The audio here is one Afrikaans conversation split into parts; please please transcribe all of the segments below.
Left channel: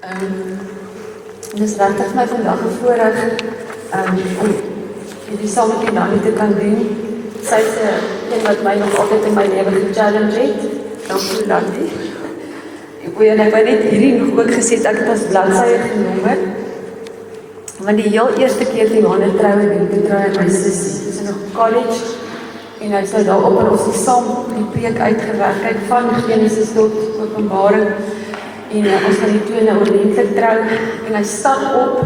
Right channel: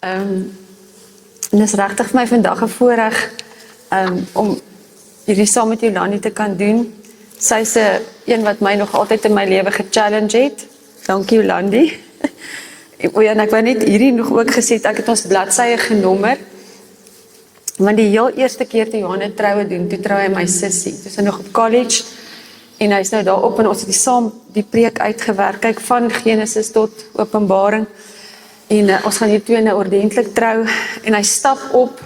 En dis regtig vir my vandag 'n voorreg om hierdie saam met Jolandi te kan doen. Sy's een wat my nog altyd in my lewe gechallenge het. Dankie Jolandi. En ek wou net hierdie nog ook gesê, ek het ons bladsye genommer. Want die heel eerste keer toe Johanne troue doen, toe trou hy my sussie. Toe is hy nog college en hy's nou daar op en ons het saam die preek uitgewerk. Kyk van Genesis tot Openbaring. En ons gaan die twee nou ordentlik trou. En hy staan op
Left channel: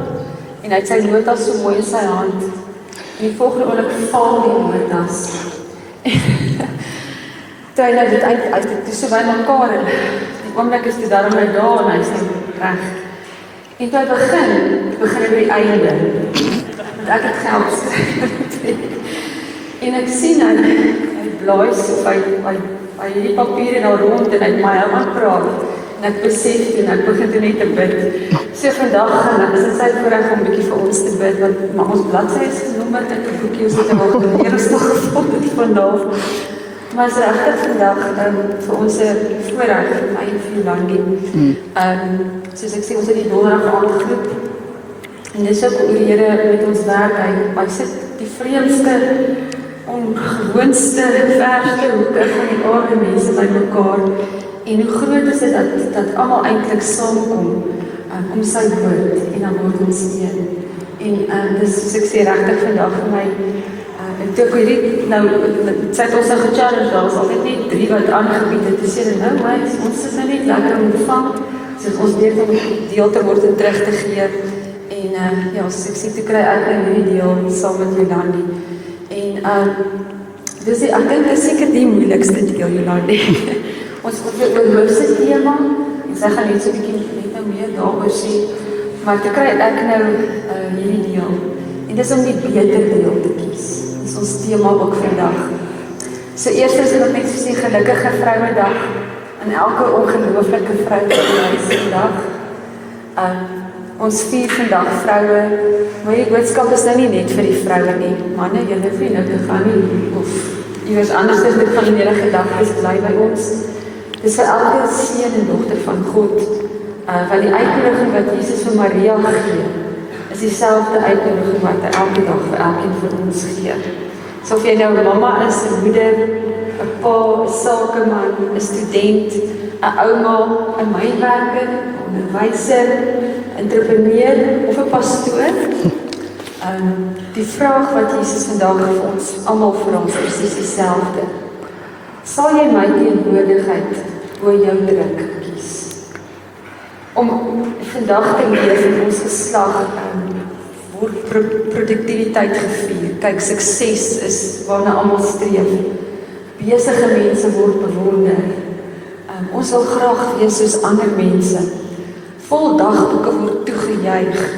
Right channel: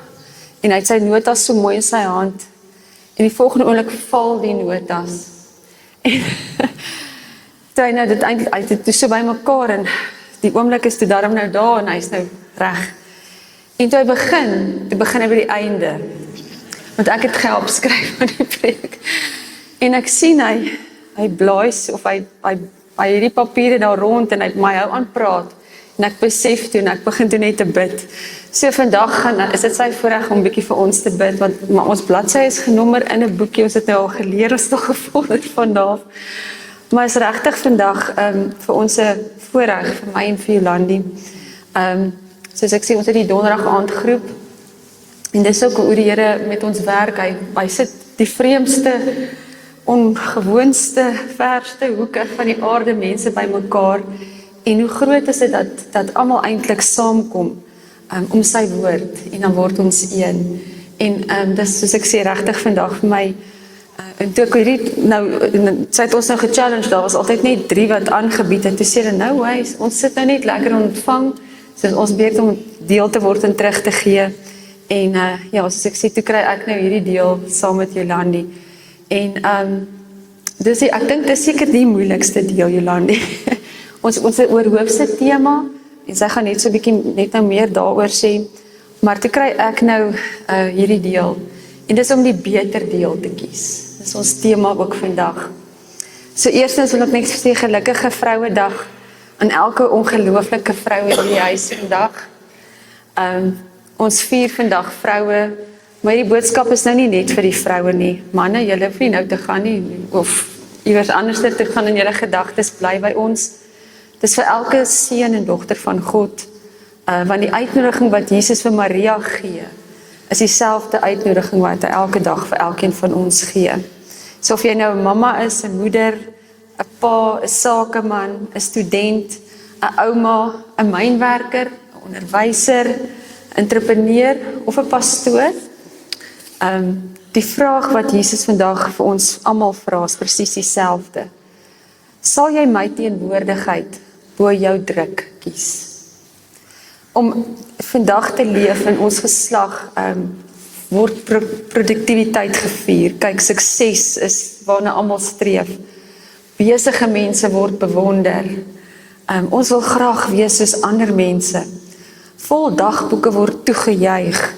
en hy het sy notas so mooi in sy hand. En die volgende oomblik val die notas. Toe hy nou dit eintlik uit, toe so by mekaar en die oomblik is toe daarom nou daar en hy's nou reg. En toe begin hy by die einde. Want ek het gehelp skryf vir die preek. En ek sien hy blaas of hy hierdie papiere daar rond en hy het my hou aanpraat. En ek besef toe en ek begin toe net te bid. So vandag is dit sy voorreg om bietjie vir ons te bid, want maar ons bladsy is genommer in 'n boekie, ons het nou al geleer, ons het al gevolg vandag. Maar is regtig vandag vir ons 'n voorreg, vir my en vir Jolandi. Soos ek sê, ons het die donderdag aand groep. En dis ook hoe die Here met ons werk. Hy sit die vreemdste, ongewoonste, verste hoeke van die aarde mense bymekaar. En hoe groot is dit dat almal eintlik saamkom om sy woord en dan word ons een. En dis soos ek sê regtig vandag vir my. En toe ek hierdie nou sy het ons nou gechallenge, daar was altyd net 3 wat aangebied het. Toe sê hulle nou ons sit nou net lekker om ontvang. So ons beurt om deel te word en terug te gee. En ja, soos ek sê, toe kry ek nou hierdie deel saam met Jolandi. En dus ek dink dis seker die moeilikste deel, Jolandi. Ons het oor hoofse tema, en sy gaan net so 'n bietjie net nou meer daaroor sê, maar toe kry ek nou hierdie deel, en dis om die beter deel te kies. Dis ons tema ook vandag. So eerstens wil ek net sê gelukkige Vrouedag aan elke ongelooflike vrou in die huis vandag. Ons vier vandag vroue, maar die boodskap is nou nie net vir die vroue nie. Manne, julle hoef nie nou te gaan nie, of iewers anders te gaan in julle gedagtes bly by ons. Dis vir elke seun en dogter van God, want die uitnodiging wat Jesus vir Maria gee, is dieselfde uitnodiging wat hy elke dag vir elkeen van ons gee. So of jy nou 'n mamma is, 'n moeder, 'n pa, 'n sakeman, 'n student, 'n ouma, 'n mynwerker, 'n onderwyser, 'n entrepreneur of 'n pastoor, die vraag wat Jesus vandag vir ons almal vra is presies dieselfde. Sal jy my teenwoordigheid bo jou druk kies? Om vandag te leef in ons geslag word produktiwiteit gevier. Kyk, sukses is waarna almal streef. Besige mense word bewonder. Ons wil graag wees soos ander mense. Vol dagboeke word toegejuig.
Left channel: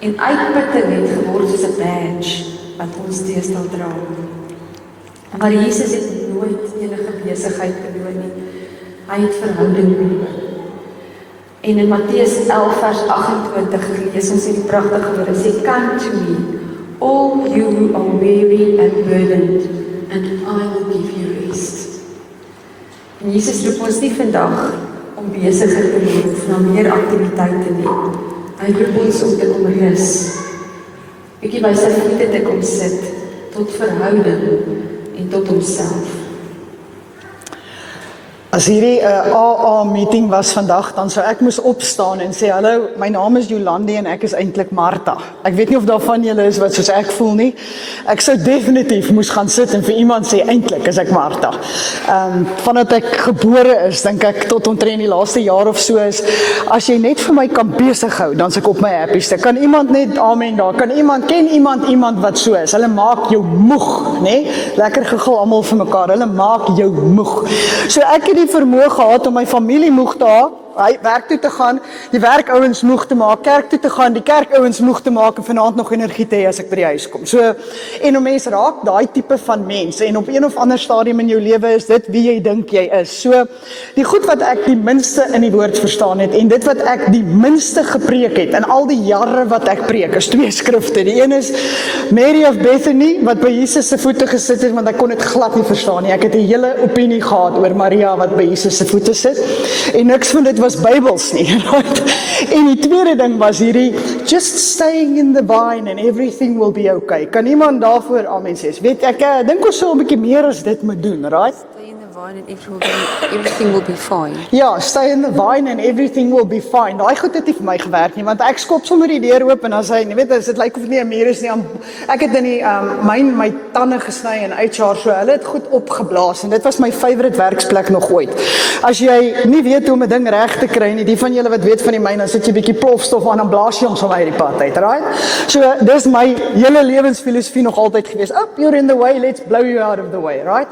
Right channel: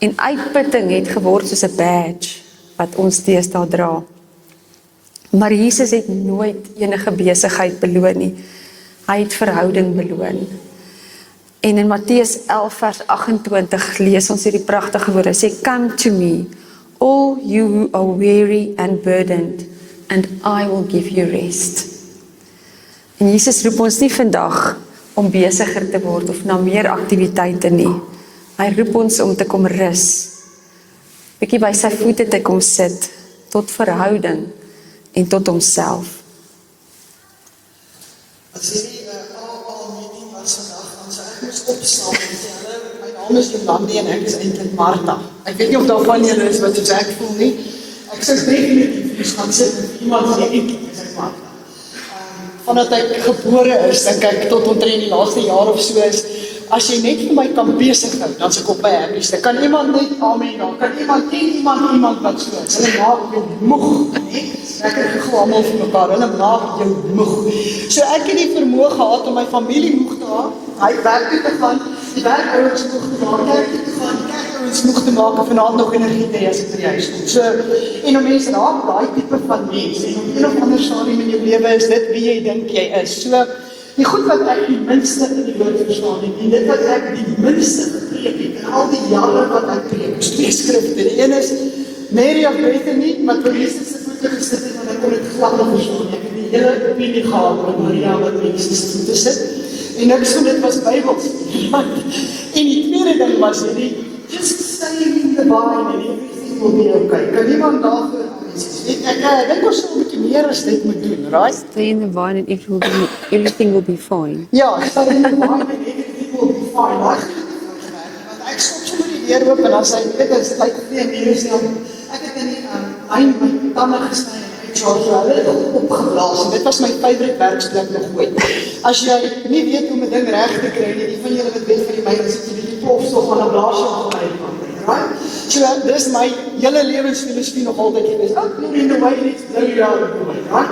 En uitputting het geword soos 'n badge wat ons deesdae dra. Maar Jesus het nooit enige besigheid beloon nie. Hy het verhouding beloon. En in Matteus 11 vers 28 lees ons hierdie pragtige woorde. Hy sê, "Come to me, all you who are weary and burdened, and I will give you rest." En Jesus roep ons nie vandag om besiger te word of na meer aktiwiteite nie. Hy roep ons om te kom rus. Bietjie by sy voete te kom sit, tot verhouding en tot homself. As hierdie AA meeting was vandag, dan sou ek moes opstaan en sê, hallo, my naam is Jolandi en ek is eintlik Martha. Ek weet nie of daar van julle is wat soos ek voel nie. Ek sou definitief moes gaan sit en vir iemand sê, eintlik is ek Martha. Vandat ek gebore is, dink ek tot omtrent die laaste jaar of so is, as jy net vir my kan besig hou, dan is ek op my happieste. Kan iemand net amen daar? Ken iemand wat so is? Hulle maak jou moeg, né? Lekker gegil almal vir mekaar. Hulle maak jou moeg. So ek het die vermoë gehad om my familie moeg te hou, werk toe te gaan, die werkouens moeg te maak, kerk toe te gaan, die kerkouens moeg te maak en vanaand nog energie te hê as ek by die huis kom. So, en om mense raak daai tipe van mense en op een of ander stadium in jou lewe is dit wie jy dink jy is. So, die goed wat ek die minste in die woord verstaan het en dit wat ek die minste gepreek het in al die jare wat ek preek, is 2 skrifte. Die een is Mary of Bethany wat by Jesus se voete gesit het, want ek kon dit glad nie verstaan nie. Ek het 'n hele opinie gehad oor Maria wat by Jesus se voete sit en niks van dit was was Bybels nie, right? En die tweede ding was hierdie, just staying in the vine and everything will be okay. Kan iemand daarvoor amen sê? Weet ek dink ons sal 'n bietjie meer as dit moet doen, right? Stay in the vine and everything will be fine. Ja, stay in the vine and everything will be fine. Daai goed het nie vir my gewerk nie, want ek skop sommer die deur oop en dan sê jy weet, dit lyk of nie 'n muur is nie. Ek het in die my tande gesny en uitsaar, so hulle het goed opgeblaas en dit was my favourite werksplek nog ooit. As jy nie weet hoe om 'n ding reg te kry nie, die van julle wat weet van die myn, dan sit jy 'n bietjie plofstof aan en blaas jy hom so uit die pad uit, right? So dis my hele lewensfilosofie nog altyd gewees. Up, you're in the way, let's blow you out of the way, right?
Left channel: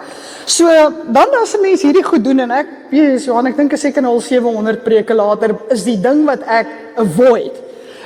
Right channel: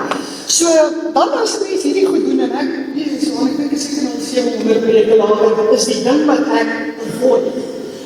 So dan as 'n mens hierdie goed doen en ek weet so, ek dink seker al 700 preke later is die ding wat ek avoid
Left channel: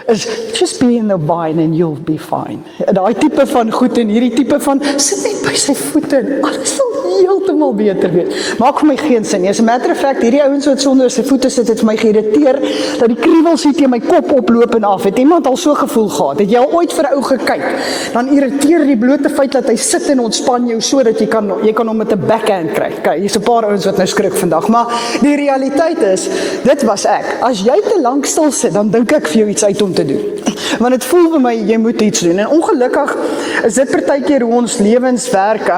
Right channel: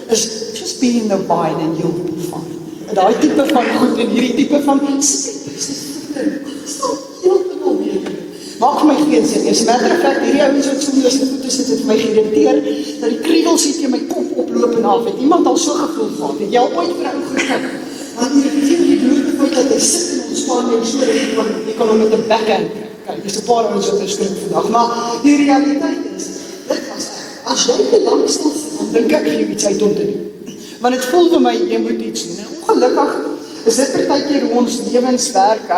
is just be in the vine and you'll be fine. Daai tipe van goed en hierdie tipe van sit net by sy voete en alles sal heeltemal beter wees. Maak vir my geen sin nie. As 'n matter of fact, hierdie ou wat sonder sy voete sit het vir my geïrriteer dat die kriewels hier teen my kop oploop en af. Het iemand al so gevoel gehad? Het jy al ooit vir 'n ou gekyk? Dan irriteer die blote feit dat hy sit en ontspan jou sodat jy kan hom met 'n backhand kry. Kyk, hier's 'n paar ouens wat nou skrik vandag, maar die realiteit is, dit was ek. As jy te lank stil sit, dan dink ek vir jou iets uit om te doen. Want dit voel vir my, jy moet iets doen. En ongelukkig is dit partykeer hoe ons lewens werk.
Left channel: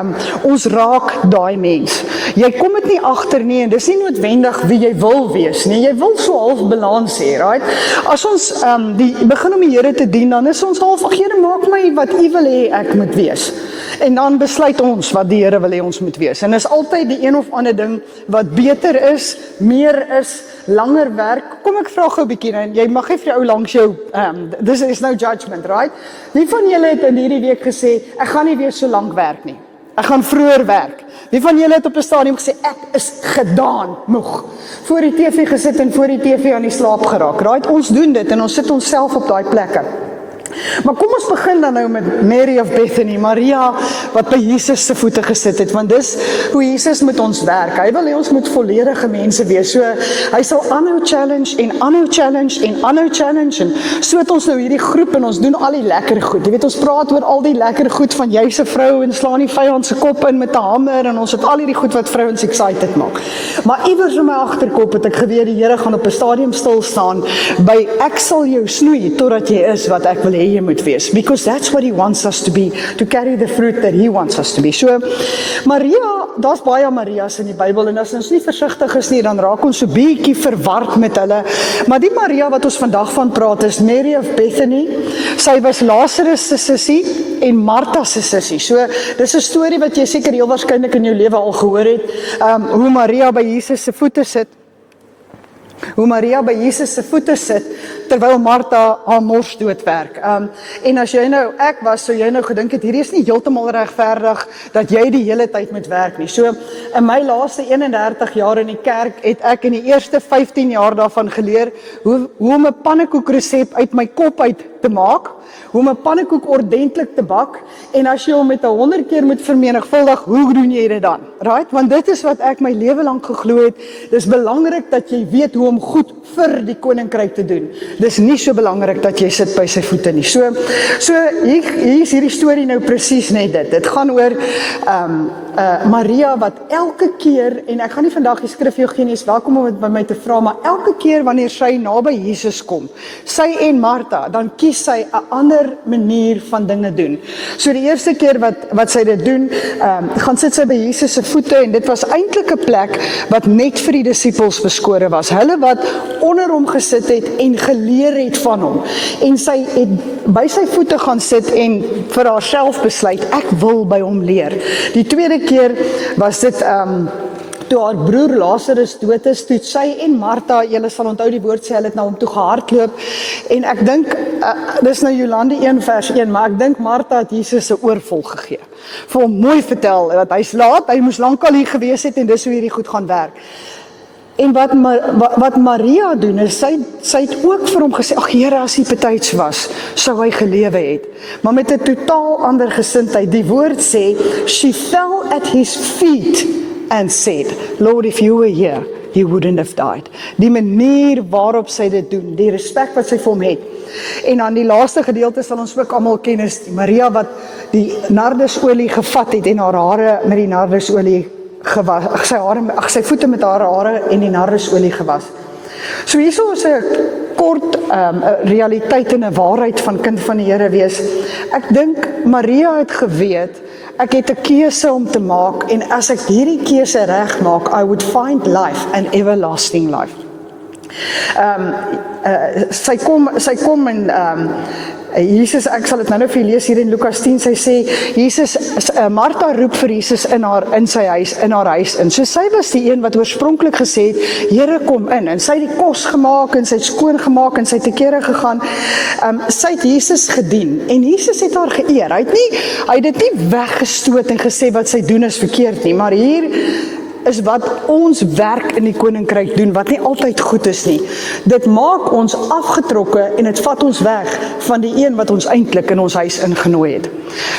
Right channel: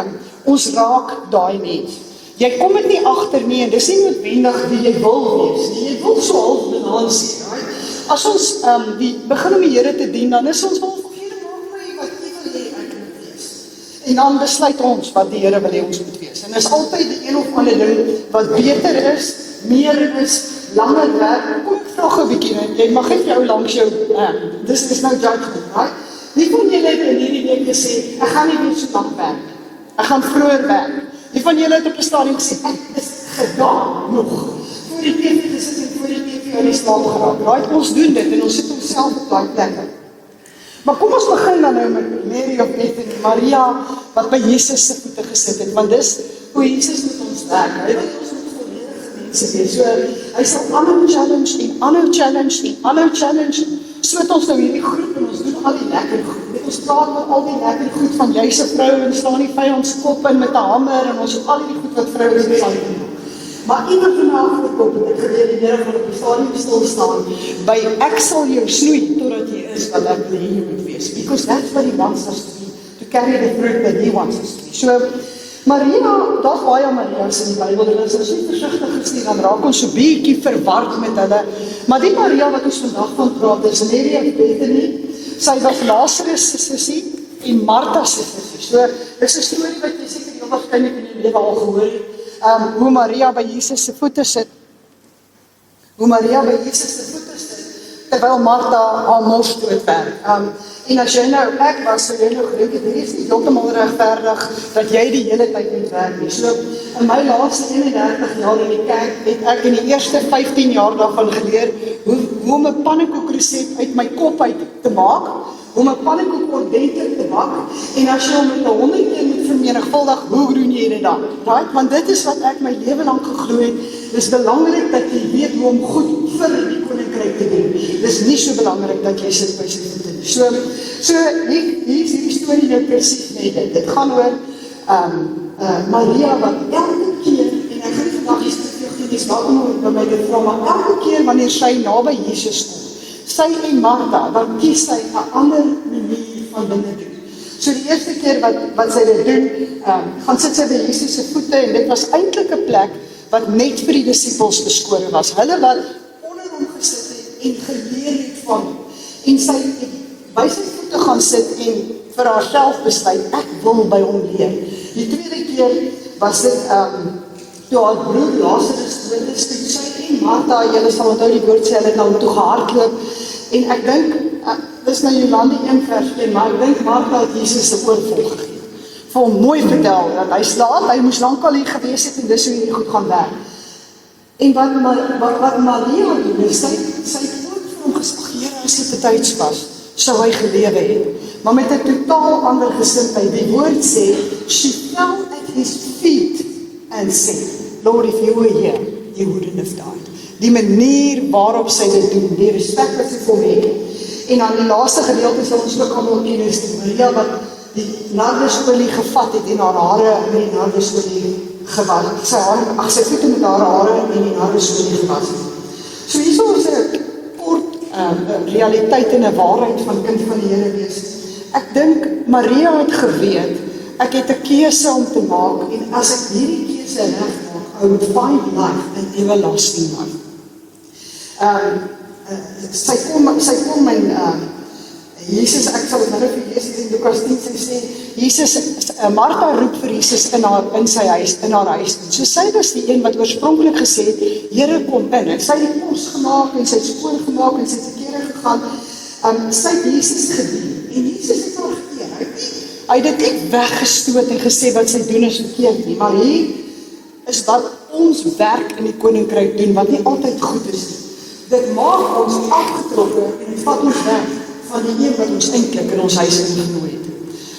Ons raak daai mens. Jy kom dit nie agter nie en dis nie noodwendig wie jy wil wees nie. Jy wil so half balans hê, right? As ons begin om die Here te dien, dan is ons half, ag Here, maak my wat U wil hê ek moet wees. En dan besluit ons wat die Here wil hê ons moet wees. En is altyd die een of ander ding wat beter is, meer is, langer werk. Kom ek vra gou 'n bietjie en jy mag nie vir jou langs jou this is no judgment, right? Wie van julle het in hierdie week gesê ek gaan nie weer so lank werk nie. Ek gaan vroeër werk. Wie van julle het op 'n stadium gesê ek is gedaan nog. Voor die TV gesit en voor die TV aan die slaap geraak, right? Ons doen dit en ons sit onsself op daai plekke. Maar kom ons begin dan nou met Mary of Bethany, Maria wat by Jesus se voete gesit het, want dis hoe Jesus met ons werk. Hy wil hê ons moet volledige mense wees. So hy sal aanhou challenge en aanhou challenge en aanhou challenge en so het ons nou hierdie groep en ons doen al die lekker goed. Jy weet, ons praat oor al die lekker goed van jy se vrou en slaan die vyand se kop in met 'n hamer en ons het al hierdie goed wat vrouens excited maak. Maar iewers in my agterkop het ek geweet die Here gaan op 'n stadium stil staan by ek sal jou snoei totdat jy is wat ek wil hê jy moet wees, because that's what He wants us to be, to carry the fruit that He wants us to be. So, Maria, daar's baie Marias in die Bybel, en as ons nie versigtig is nie, dan raak ons so bietjie verward met hulle, maar die Maria wat ons vandag van praat is Mary of Bethany. Sy was Lazarus se sussie en Martha se sussie. So, dis 'n storie wat jy seker heel waarskynlik in jou lewe al gehoor het, hoe Maria by Jesus se voete sit, terwyl Martha haar mors doodwerk. En as jy nou, ek was, so jy nou gedink het, hierdie is nie heeltemal regverdig, dat jy die hele tyd moet werk nie. So, in my laaste 31 jaar in die kerk, het ek in die eerste 15 jaar daarvan geleer, hoe om 'n pannekoekresep uit my kop uit te maak, hoe om 'n pannekoek ordentlik te bak, en as jy hom met 100 keer moet vermenigvuldig, hoe doen jy dit dan? Right? Want dit is wat ek my lewe lank geglo het, dis belangrik dat jy weet hoe om goed vir die koninkryk te doen. Dis nie so belangrik dat jy sit by sy voete nie. So hier is hierdie storie nou presies net dit. Dit gaan oor Maria wat elke keer, en ek gaan nie vandag die skrif jou gee nie, is welkom om dit by my te vra, maar elke keer wanneer sy naby Jesus kom, sy en Martha, dan kies sy 'n ander manier van dinge doen. So die eerste keer wat sy dit doen, gaan sit sy by Jesus se voete, en dit was eintlik 'n plek wat net vir die disippels beskore was. Hulle wat onder hom gesit het en geleer het van hom. En sy het by sy voete gaan sit en vir haarself besluit, ek wil by hom leer. Die tweede keer was dit toe haar broer Lazarus dood is, toe sy en Martha, julle sal onthou die woord sê, hulle het al toe gehardloop, en ek dink, dis nou Jolande 1 vers 1, maar ek dink Martha het Jesus 'n oorvol gegee, vir hom mooi vertel, dat hy's laat, hy moes lankal hier gewees het, en dis hoe hierdie goed gaan werk. En wat Maria doen, is sy het ook vir hom gesê, ag Here, as hy betyds was, sou hy gelewe het. Maar met 'n totaal ander gesindheid. Die woord sê, she fell at his feet and said, Lord, if you were here, he wouldn't have died. Die manier waarop sy dit doen, die respek wat sy vir hom het. En aan die laaste gedeelte sal ons ook almal ken, is Maria wat die nardesolie gevat het en haar hare met die nardesolie gewas, sy voete met haar hare en die nardesolie gewas. So hier is 'n kort realiteit en 'n waarheid van kind van die Here wees. Ek dink Maria het geweet, ek het 'n keuse om te maak en as ek hierdie keuse reg maak, I would find life and everlasting life. Sy kom en Jesus, ek sal dit nou vir lees hier in Lukas 10, sy sê, Martha roep vir Jesus in sy huis, in haar huis in. So sy was die een wat oorspronklik gesê het, Here kom in, en sy het die kos gemaak, en sy het skoon gemaak, en sy het te kere gegaan, sy het Jesus gedien, en Jesus het haar geëer, hy het dit nie weggestoot en gesê wat sy doen is verkeerd nie, maar hier is wat ons werk in die koninkryk doen, wat nie altyd goed is nie. Dit maak ons afgetrokke en dit vat ons weg van die een wat ons eintlik in ons huis ingenooi het.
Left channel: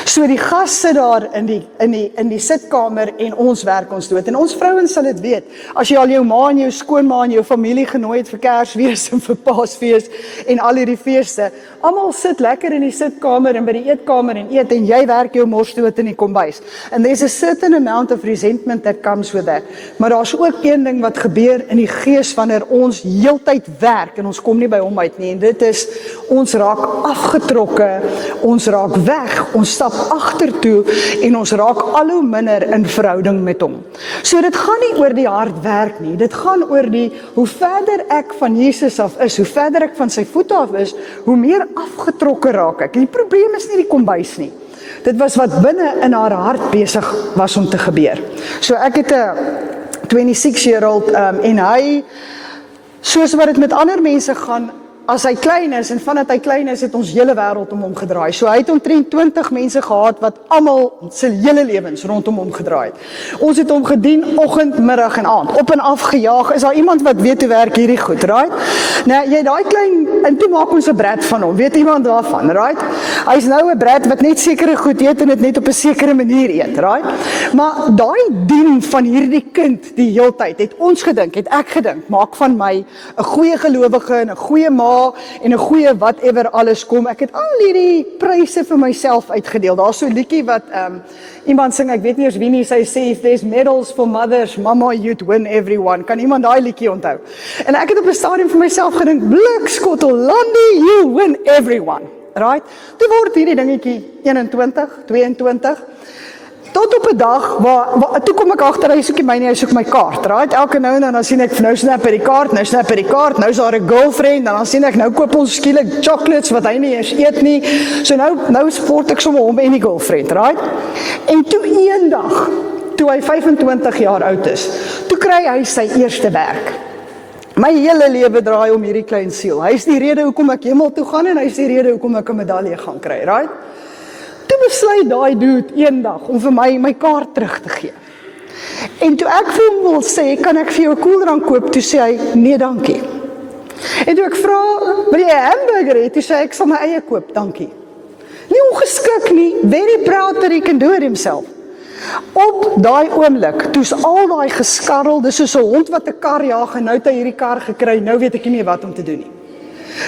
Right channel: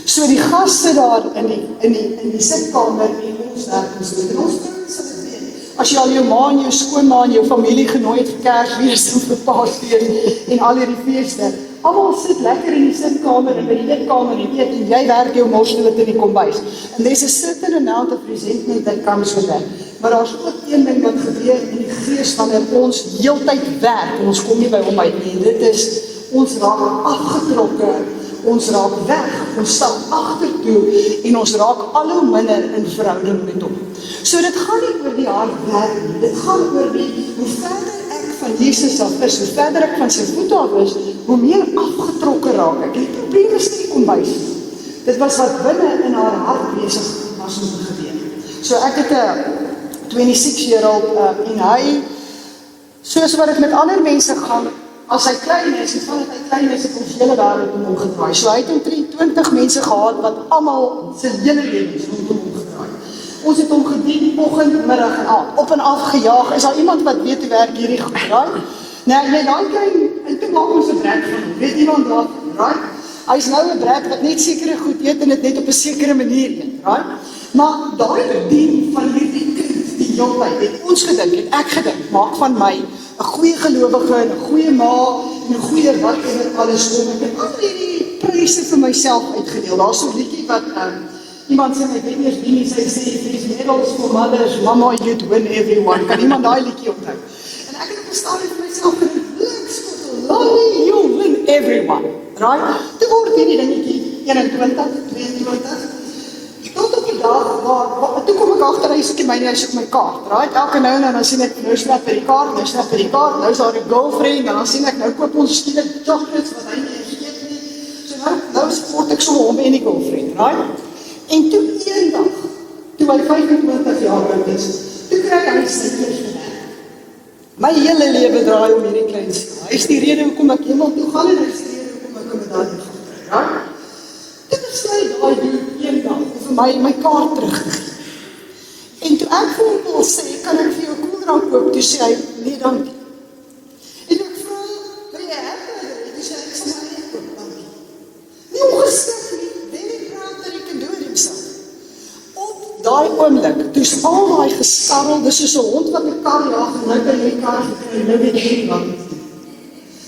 So die gas sit daar in die sitkamer en ons werk ons dood. En ons vrouens sal dit weet. As jy al jou ma en jou skoonma en jou familie genooi het vir Kersfees of vir Paasfees en al hierdie feeste, almal sit lekker in die sitkamer en by die eetkamer en eet en jy werk jou mos dood in die kombuis. And there's a certain amount of resentment that comes with that. Maar daar's ook een ding wat gebeur in die gees wanneer ons heeltyd werk en ons kom nie by hom uit nie. Dit is ons raak afgetrokke, ons raak weg, ons stap agtertoe en ons raak al hoe minder in verhouding met hom. So dit gaan nie oor die hard werk nie, dit gaan oor hoe verder ek van Jesus af is, hoe verder ek van sy voete af is, hoe meer afgetrokke raak ek. En die probleem is nie die kombuis nie. Dit was wat binne in haar hart besig was om te gebeur. So ek het 'n 26-year-old en hy, soos wat dit met ander mense gaan, as hy klein is, en vandat hy klein is, het ons hele wêreld om hom gedraai. So hy het omtrent 20 mense gehad, wat almal sy hele lewens rondom hom gedraai. Ons het hom gedien, oggend, middag en aand, op en af gejaag. Is daar iemand wat weet hoe werk hierdie goed, right? Nou, jy daai klein, en toe maak ons 'n brat van hom, weet iemand daarvan, right? Hy's nou 'n brat wat net sekere goed eet, en dit net op 'n sekere manier eet, right? Maar daai dien van hierdie kind, die heeltyd, het ons gedink, het ek gedink, maak van my 'n goeie gelowige, en 'n goeie ma, en 'n goeie whatever alles kom. Ek het al hierdie pryse vir myself uitgedeel. Daar's so 'n liedjie wat iemand sing, ek weet nie of wie nie, sy sê, if there's medals for mothers, mama, you'd win everyone. Kan iemand daai liedjie onthou? En ek het op 'n stadium vir myself gedink, blikskottel, Landie, you win everyone. Right? Toe word hierdie dingetjie 21, 22, tot op 'n dag, waar toe kom ek agter, hy soek nie my nie, hy soek my kaart, right? Elke nou en dan sien ek, nou snap hy die kaart, nou is daar 'n girlfriend, dan sien ek, nou koop ons skielik chocolates, wat hy nie eens eet nie, so nou sport ek sommer hom en die girlfriend, right? En toe eendag, toe hy 25 jaar oud is, toe kry hy sy eerste werk. My hele lewe draai om hierdie klein siel, hy is die rede hoekom ek hemel toe gaan, en hy is die rede hoekom ek 'n medalje gaan kry, right? Toe besluit daai dude eendag om vir my kaart terug te gee. En toe ek vir hom wil sê, kan ek vir jou 'n koeldrank koop? Toe sê hy, nee dankie. En toe ek vra, wil jy 'n hamburger hê? Toe sê hy, ek sal my eie koop, dankie. Nie ongeskik nie, very proud that he can do it himself. Op daai oomblik, toe's al daai geskarrel, dis soos 'n hond wat 'n kar jaag, en nou het hy hierdie kar gekry, nou weet ek nie wat om te doen nie.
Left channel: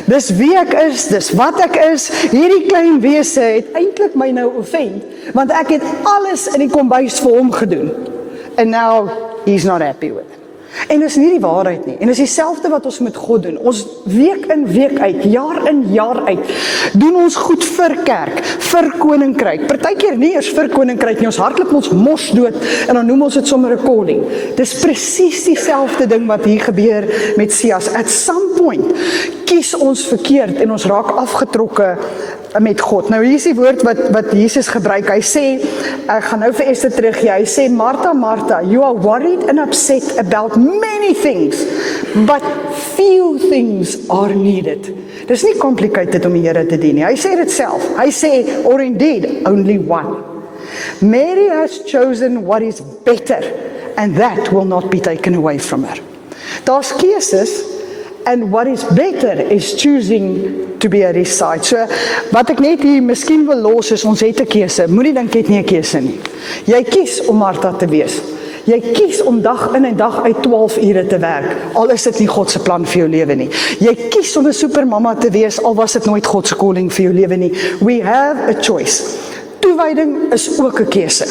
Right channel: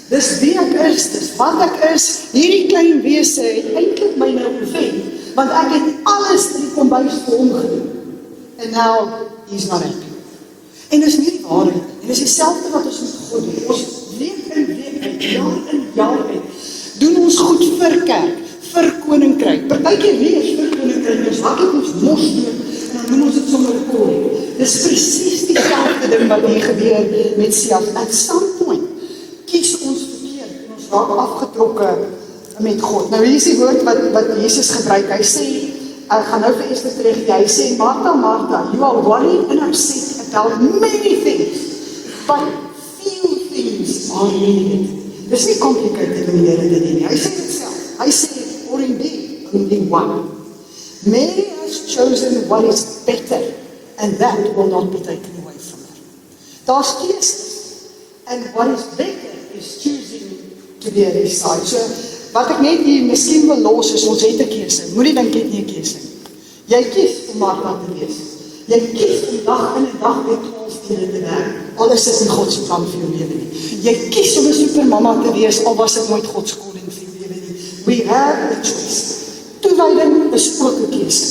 Dis wie ek is, dis wat ek is, hierdie klein wese het eintlik my nou offend, want ek het alles in die kombuis vir hom gedoen, and now he's not happy with it. En dis nie die waarheid nie, en dis dieselfde wat ons met God doen, ons week in week uit, jaar in jaar uit, doen ons goed vir kerk, vir koninkryk, partykeer nie eers vir koninkryk nie, ons hardloop ons mos dood, en dan noem ons dit sommer 'n calling. Dis presies dieselfde ding wat hier gebeur met Sias. At some point kies ons verkeerd en ons raak afgetrokke met God. Nou hier is die woord wat Jesus gebruik. Hy sê, ek gaan nou vir Esther teruggee, hy sê, Martha, Martha, you are worried and upset about many things, but few things are needed. Dis nie complicated om die Here te dien nie. Hy sê dit self. Hy sê, or indeed, only one. Mary has chosen what is better, and that will not be taken away from her. Daar's keuses, and what is better is choosing to be at his side. So, wat ek net hier miskien wil los is, ons het 'n keuse. Moenie dink jy het nie 'n keuse nie. Jy kies om Martha te wees. Jy kies om dag in en dag uit 12 ure te werk, al is dit nie God se plan vir jou lewe nie. Jy kies om 'n supermamma te wees, al was dit nooit God se calling vir jou lewe nie. We have a choice. Toewyding is ook 'n keuse.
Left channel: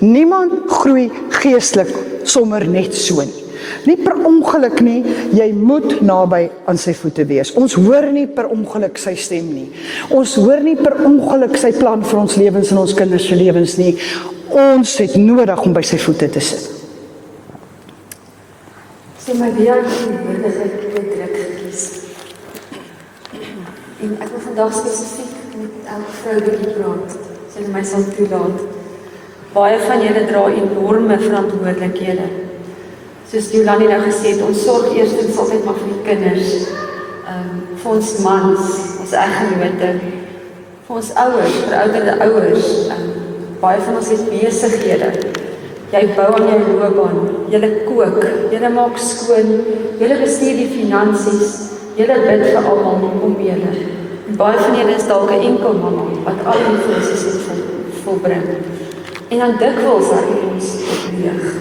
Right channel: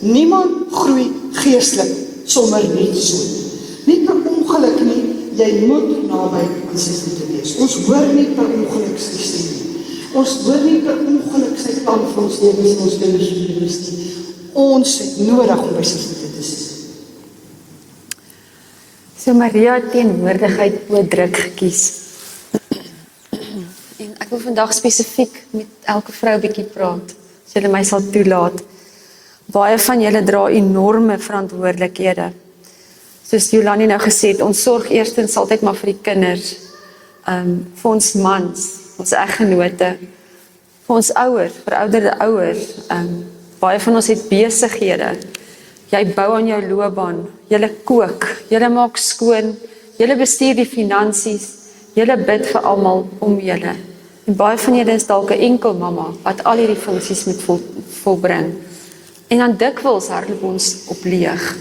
Niemand groei geestelik sonder net so nie. Nie per ongeluk nie, jy moet naby aan sy voete wees. Ons hoor nie per ongeluk sy stem nie. Ons hoor nie per ongeluk sy plan vir ons lewens en ons kinders se lewens nie. Ons het nodig om by sy voete te sit. So Maria het eenwoordigheid oor druk gekies. En ek wil vandag spesifiek met elke vrou 'n bietjie praat, as julle my sal toelaat. Baie van julle dra enorme verantwoordelikhede. Soos Jolani nou gesê het, ons sorg eerstens altyd maar vir die kinders, vir ons mans, ons eggenote, vir ons ouers, verouderde ouers. Baie van ons het besighede. Jy bou aan jou loopbaan, julle kook, julle maak skoon, julle bestuur die finansies, julle bid vir almal om julle. En baie van julle is dalk 'n enkel mamma wat al die funksies moet volbring. En dan dikwels hardloop ons tot leeg.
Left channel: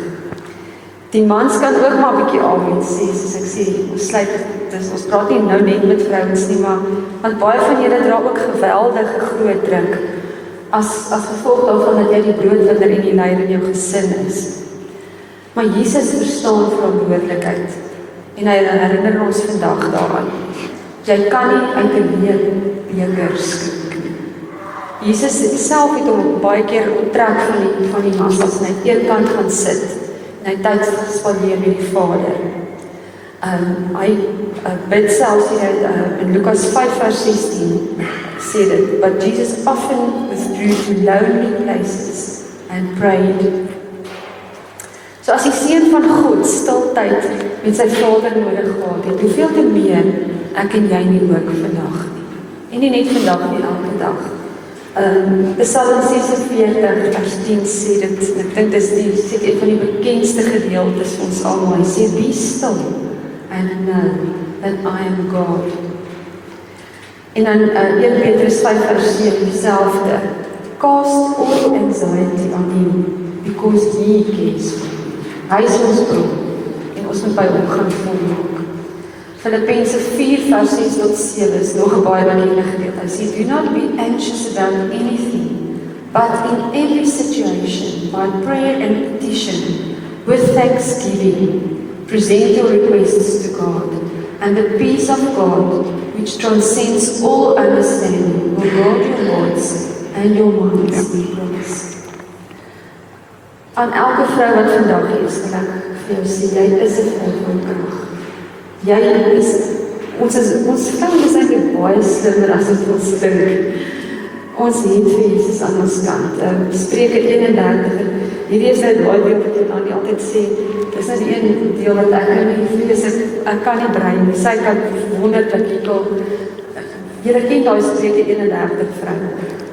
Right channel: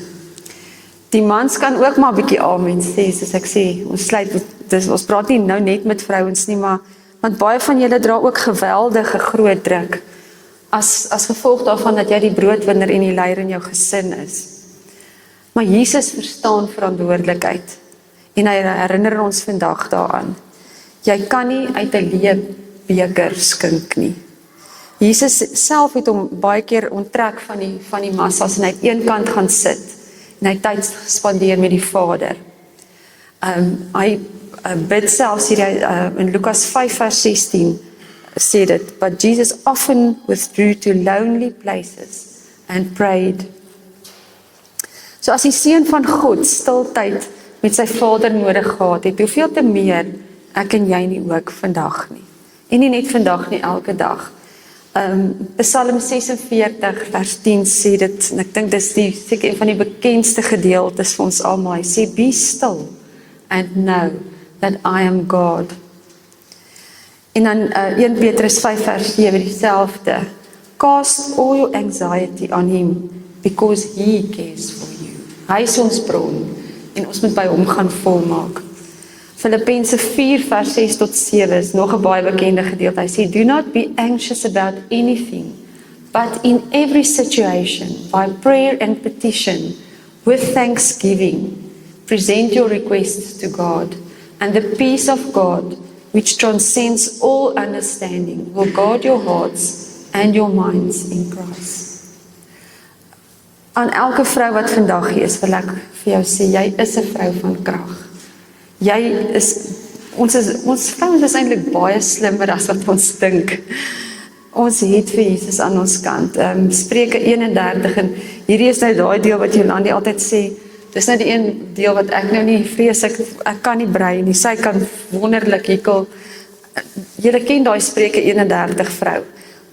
Die mans kan ook maar 'n bietjie amen sê, soos ek sê, ons sluit dit, ons praat nie nou net met vrouens nie, maar want baie van julle dra ook geweldige groot druk as gevolg daarvan dat jy die broodwinner en die leier in jou gesin is. Maar Jesus verstaan verantwoordelikheid en hy herinner ons vandag daaraan. Jy kan nie uit 'n beker skink nie. Jesus self het hom baie keer onttrek van die massas en hy het eenkant gaan sit en hy tyd spandeer met die Vader. Hy bid selfs hier in Lukas 5 vers 16 sê dit, but Jesus often withdrew to lonely places and prayed. So as die seun van God stiltyd met sy Vader nodig gehad het, hoeveel te meer ek en jy nie ook vandag nie. En nie net vandag nie, elke dag. Psalm 46 vers 10 sê dit, en ek dink dit is seker een van die bekendste gedeeltes vir ons almal. Hy sê, be still and know that I am God. En dan 1 Petrus 5 vers 9 dieselfde. Cast all anxiety on him because he cares for you. Hy is ons bron en ons moet by hom gaan volmaak. Filippense 4 vers 6 tot 7 is nog 'n baie bekende gedeelte. Hy sê, do not be anxious about anything, but in every situation, by prayer and petition, with thanksgiving, present your requests to God, and the peace of God, which transcends all understanding, will guard your hearts and your minds in Christ. Aan elke vrou wat vandag hier is, wil ek vir jou sê, jy is 'n vrou van krag. Ons vrou is eintlik baie slimmer as wat ons dink. Ons het vir Jesus aan ons kant. Spreuke 31 en hierdie is nou daai deel wat Jolani altyd sê. Dis nou die een deel wat ek nou nie vrees ek kan nie brei nie. Sy kan wonderlik hierkel. Julle ken daai Spreuke 31 vrou.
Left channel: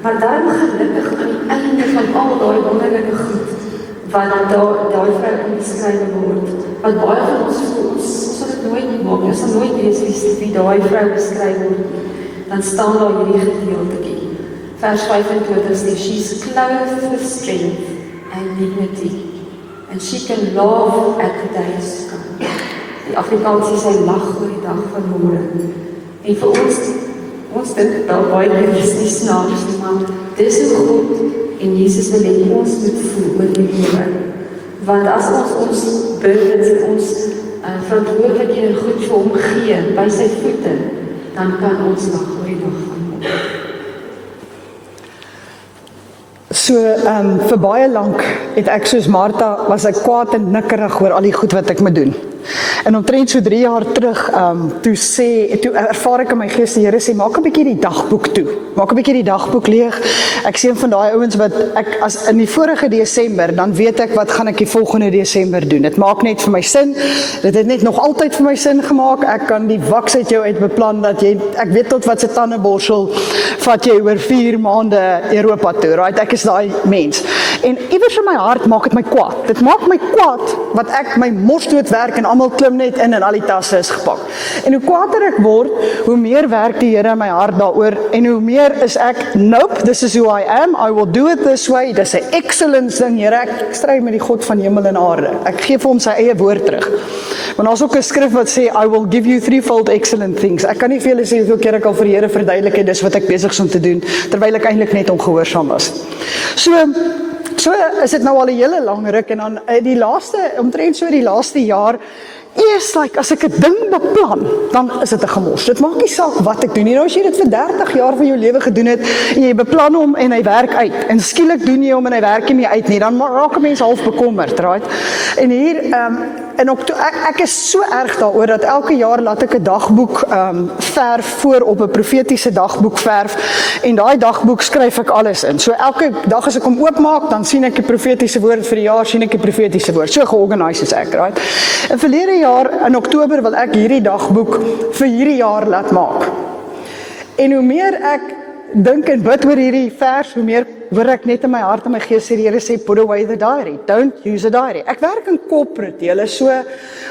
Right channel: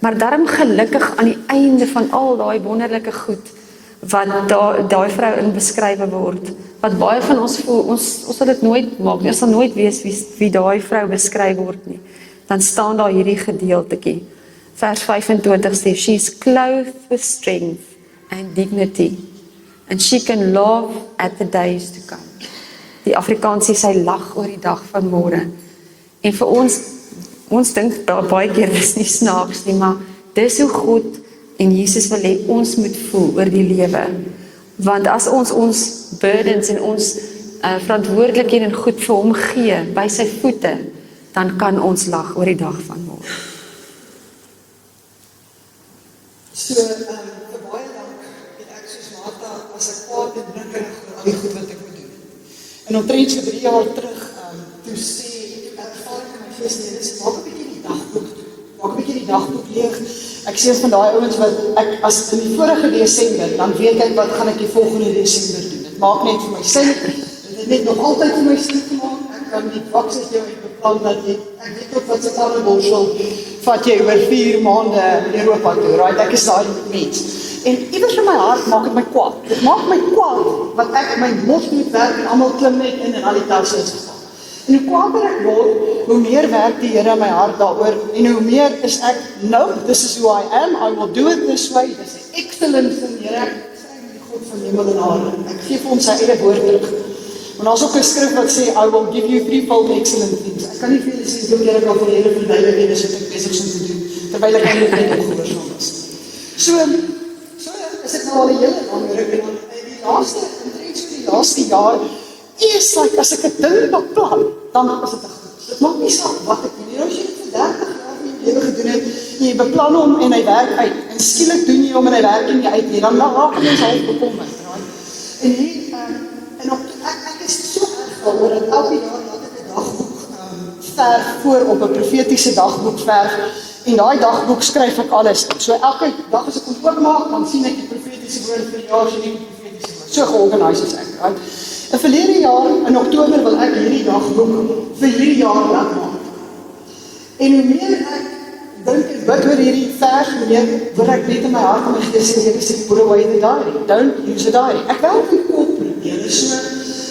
Maar daarom gelukkig aan die einde van al daai wonderlike goed wat daai vrou in beskrywe word. Want baie van ons voel, ons sal dit nooit maak, ons sal nooit weet wie daai vrou beskryf word. Dan staan daar hierdie gedeeltetjie. Vers 25 sê, she is clothed with strength and dignity, and she can laugh at the days to come. Die Afrikaans sê sy lag oor die dag van môre. En vir ons dink baie keer dis nie snaaks nie, maar dis so goed. En Jesus wil hê ons moet voel oor die lewe. Want as ons burdens en ons verantwoordelikhede en goed vir hom gee by sy voete, dan kan ons lag oor die dag van môre. So, vir baie lank het ek soos Martha, was ek kwaad en nikkerig oor al die goed wat ek moet doen. En omtrent so 3 jaar terug, toe ervaar ek in my gees, die Here sê, maak 'n bietjie die dagboek toe. Maak 'n bietjie die dagboek leeg. Ek sien van daai ouens wat as in die vorige Desember, dan weet ek wat gaan ek die volgende Desember doen. Dit maak net vir my sin. Dit het net nog altyd vir my sin gemaak. Ek kan die waks uit jou uit beplan dat ek weet tot wat se tandeborsel vat jy oor 4 maande Europa toe. Right? Ek is daai mens. En iewers in my hart maak dit my kwaad. Dit maak my kwaad wat ek my mosdood werk en almal klim net in en al die tasse is gepak. En hoe kwaader ek word, hoe meer werk die Here in my hart daaroor en hoe meer is ek, nope, this is who I am, I will do it this way, dis 'n excellence ding, Here, ek stry met die God van hemel en aarde. Ek gee vir hom sy eie woord terug. Want daar's ook 'n skrif wat sê, I will give you threefold excellent things. Ek kan nie vir julle sê, hoe keer ek al vir die Here verduidelik en dis wat ek besig is om te doen, terwyl ek eintlik net ongehoorsaam was. So is dit nou al 'n hele lang ruk en dan omtrent so die laaste jaar, Eers as ek 'n ding beplan, dan is dit 'n gemors. Dit maak nie saak wat ek doen nie. Nou as jy dit vir 30 jaar van jou lewe gedoen het en jy beplan hom en hy werk uit en skielik doen jy hom en hy werk nie uit nie, dan raak mense half bekommerd, right? En hier en ek is so erg daaroor dat elke jaar laat ek 'n dagboek verf voor op 'n profetiese dagboek verf en daai dagboek skryf ek alles in. So elke dag as ek hom oopmaak, dan sien ek 'n profetiese woord vir die jaar, sien ek 'n profetiese woord. So georganiseer is ek, right? In verlede jaar in Oktober wil ek hierdie dagboek vir hierdie jaar laat maak. En hoe meer ek dink en bid oor hierdie vers, hoe meer word ek net in my hart en my gees sê, die Here sê, put away the diary, don't use a diary. Ek werk in corporate, julle, so,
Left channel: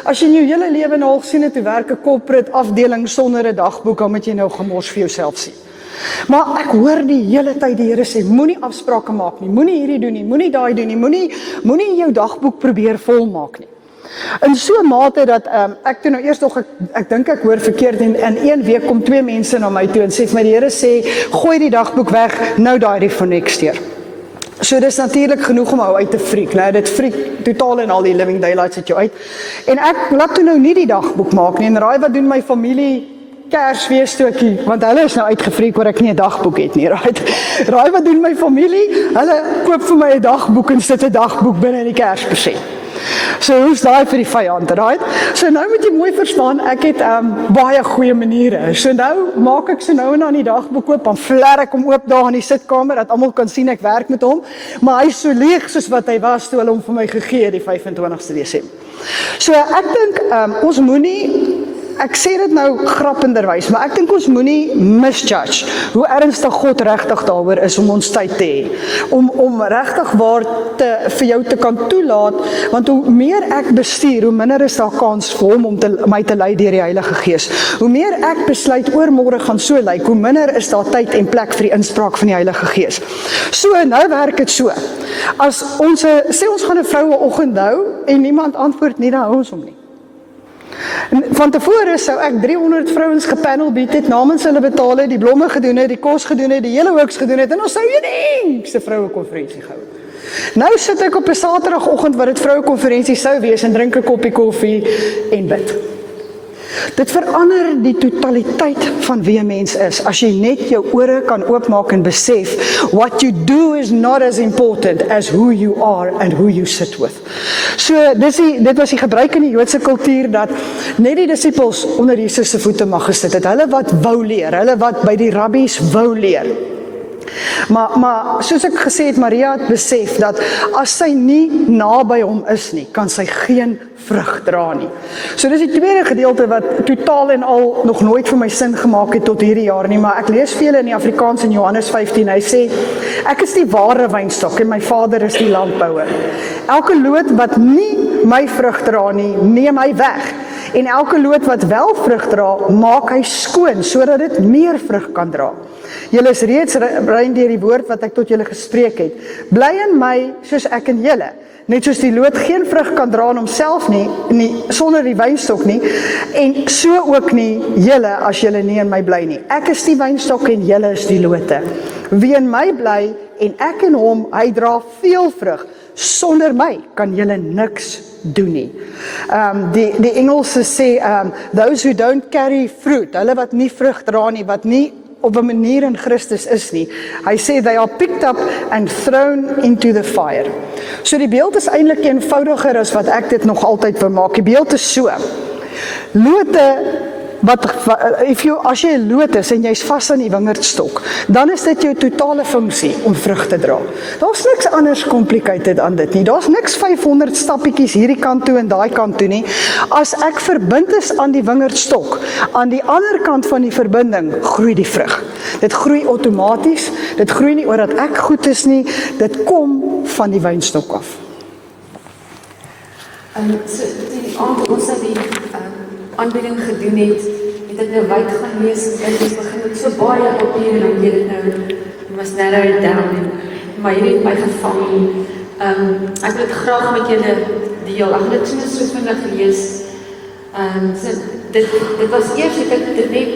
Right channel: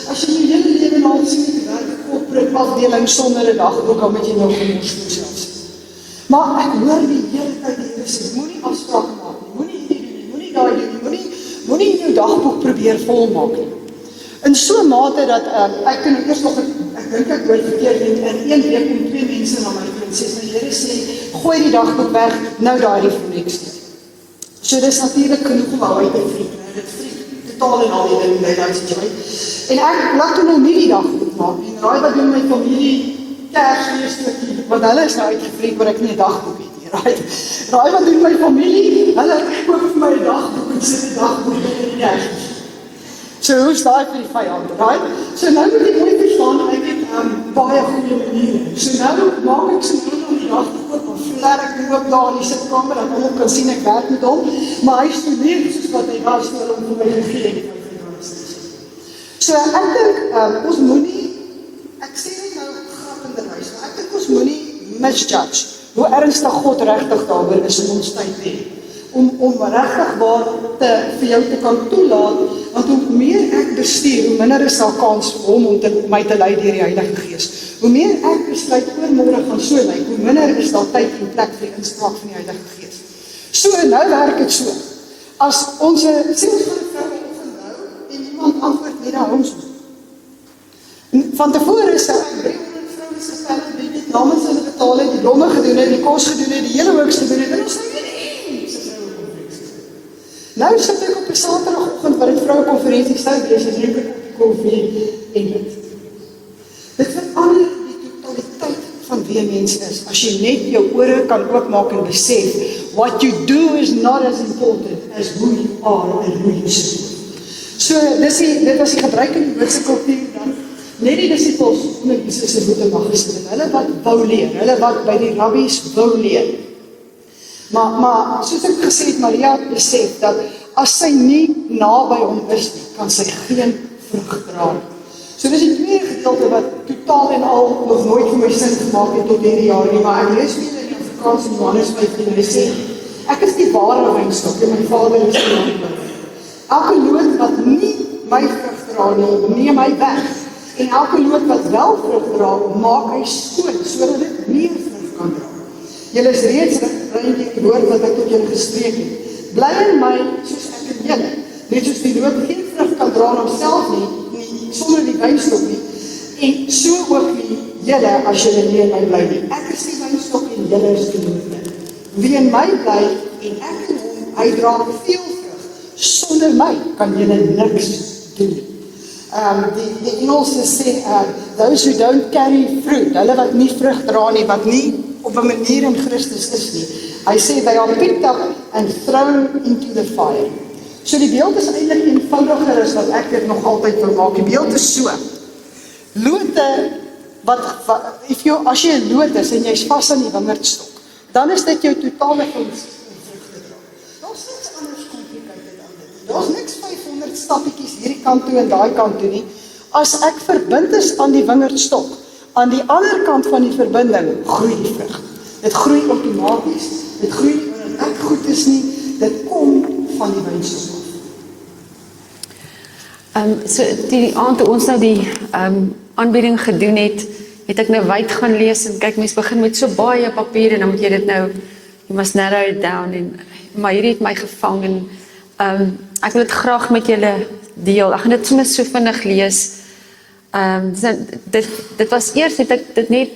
as jy in jou hele lewe en half sien het, hoe werk 'n corporate afdeling sonder 'n dagboek, dan moet jy nou gemors vir jouself sien. Maar ek hoor die hele tyd die Here sê, moenie afsprake maak nie, moenie hierdie doen nie, moenie daai doen nie, moenie jou dagboek probeer volmaak nie. In so 'n mate dat ek toe nou eers nog, ek dink ek hoor verkeerd en een week kom 2 mense na my toe en sê vir my, die Here sê, gooi die dagboek weg, nou daai vir next year. So dis natuurlik genoeg om uit te freak, né? Dit freak totaal en al die living daylights uit jou uit. En ek laat toe nou nie die dagboek maak nie, en raai wat doen my familie Kersfeesstokie, want hulle is nou uitgefreak oor ek nie 'n dagboek het nie, right? Raai wat doen my familie? Hulle koop vir my 'n dagboek en sit 'n dagboek binne in die Kerspresent. So hoe's daai vir die vyand, right? So nou moet jy mooi verstaan, ek het baie goeie maniere. So nou maak ek so nou en dan die dagboek oop, dan fler ek hom oop daar in die sitkamer, dat almal kan sien ek werk met hom, maar hy is so leeg soos wat hy was toe hulle hom vir my gegee het die 25ste Desember. So ek dink, ons moenie, ek sê dit nou grappenderwys, maar ek dink ons moenie misjudge hoe ernstig God regtig daaroor is om ons tyd te hê. Om regtig waar vir jou te kan toelaat, want hoe meer ek bestuur, hoe minder is daar kans vir hom om my te lei deur die Heilige Gees. Hoe meer ek besluit oormôre gaan so lyk, hoe minder is daar tyd en plek vir die inspraak van die Heilige Gees. So, nou werk dit so. As sê ons gaan 'n vroueoggend hou en niemand antwoord nie, dan hou ons hom nie. Van tevore sou ek 300 vrouens gepanel bied het, namens hulle betaal het, die blomme gedoen het, die kos gedoen het, die hele hooks gedoen het, en ons sou nie se vrouekonferensie gehou. Nou sit ek op 'n Saterdagoggend wat dit vrouekonferensie sou wees en drink 'n koppie koffie en bid. Dit verander die totaliteit van wie 'n mens is, as jy net jou ore kan oopmaak en besef, what you do is not as important as who you are and who you sit with. So, dit was die gebruik in die Joodse kultuur, dat net die disippels onder Jesus se voete mag gesit het, hulle wat wou leer, hulle wat by die rabbies wou leer. Maar soos ek gesê het, Maria het besef dat as sy nie naby hom is nie, kan sy geen vrug dra nie. So dis die tweede gedeelte wat totaal en al nog nooit vir my sin gemaak het tot hierdie jaar nie, maar ek lees vir julle in die Afrikaans in Johannes 15, hy sê, ek is die ware wynstok en my Vader is die landbouer. Elke loot wat nie my vrug dra nie, neem hy weg. En elke loot wat wel vrug dra, maak hy skoon, sodat dit meer vrug kan dra. Julle is reeds rein deur die woord wat ek tot julle gespreek het. Bly in my, soos ek in julle. Net soos die loot geen vrug kan dra in homself nie, sonder die wynstok nie, en so ook nie julle as julle nie in my bly nie. Ek is die wynstok en julle is die lote. Wie in my bly en ek in hom, hy dra veel vrug. Sonder my kan julle niks doen nie. Die Engelse sê, those who don't carry fruit, hulle wat nie vrug dra nie, wat nie op 'n manier in Christus is nie. Hy sê, they are picked up and thrown into the fire. So die beeld is eintlik eenvoudiger as wat ek dit nog altyd wil maak. Die beeld is so. Lote, as jy 'n loot is en jy's vas aan die wingerdstok, dan is dit jou totale funksie om vrug te dra. Daar's niks anders complicated aan dit nie. Daar's niks 500 stappietjies hierdie kant toe en daai kant toe nie. As ek verbind is aan die wingerdstok, aan die ander kant van die verbinding, groei die vrug. Dit groei outomaties, dit groei nie omdat ek goed is nie, dit kom van die wynstok af. So die aand toe ons nou die aanbieding gedoen het ek nou wyd gaan lees en kyk, ons begin met so baie papier en dan moet jy dit nou, you must narrow it down, maar hierdie het my gevang en ek wil dit graag met julle deel. Ek gaan dit sommer so vinnig lees. Dit was eers het ek dit net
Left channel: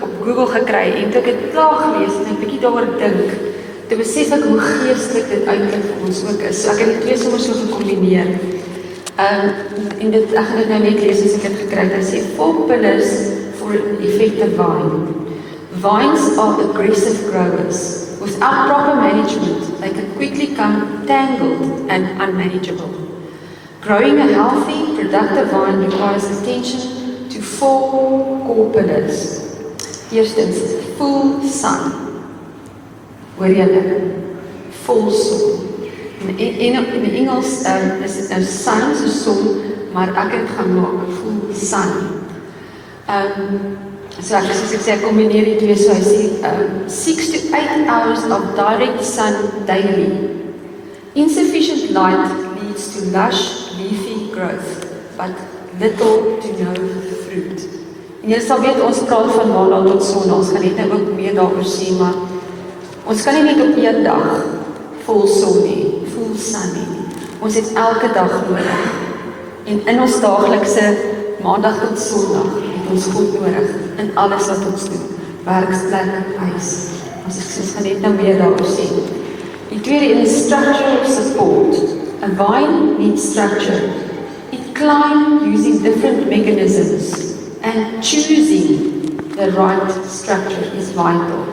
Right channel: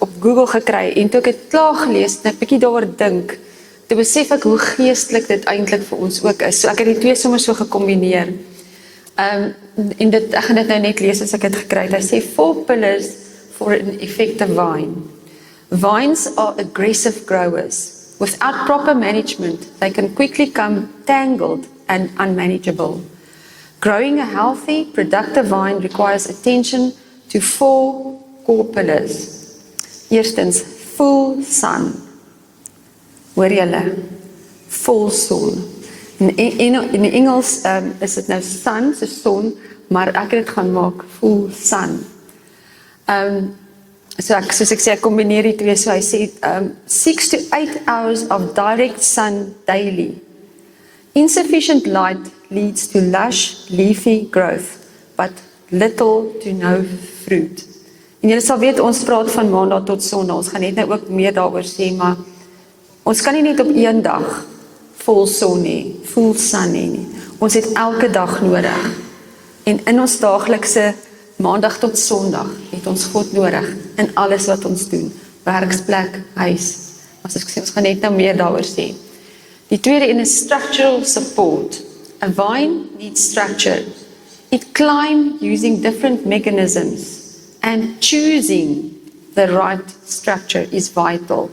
op Google gekry en toe ek het klaar gelees en ek bietjie daaroor dink, toe besef ek hoe geestelik dit eintlik vir ons ook is. So ek het die twee sommer so gekombineer. En ek gaan dit nou net lees as ek het gekry het. Hy sê 4 pillars for an effective vine. Vines are aggressive growers. Without proper management, they can quickly become tangled and unmanageable. Growing a healthy, productive vine requires attention to 4 core pillars. Eerstens, full sun. Hoor julle? Full sun. In Engels is dit nou sun, so son, maar ek het dit gaan maak, full sun. Soos ek sê, ek kombineer die twee, so hy sê 6 to 8 hours of direct sun daily. Insufficient light leads to lush, leafy growth, but little to no fruit. En jy sal weet, ons praat van maandag tot sondag, ons gaan net nou ook meer daaroor sê, maar ons kan nie net op een dag vol son hê, full sun hê nie. Ons het elke dag nodig. En in ons daaglikse maandag tot sondag het ons God nodig in alles wat ons doen. Werksplek, huis. As ek gaan net nou meer daaroor sê. Die tweede een is structural support. A vine needs structure. It climbs using different mechanisms and choosing the right structure is vital.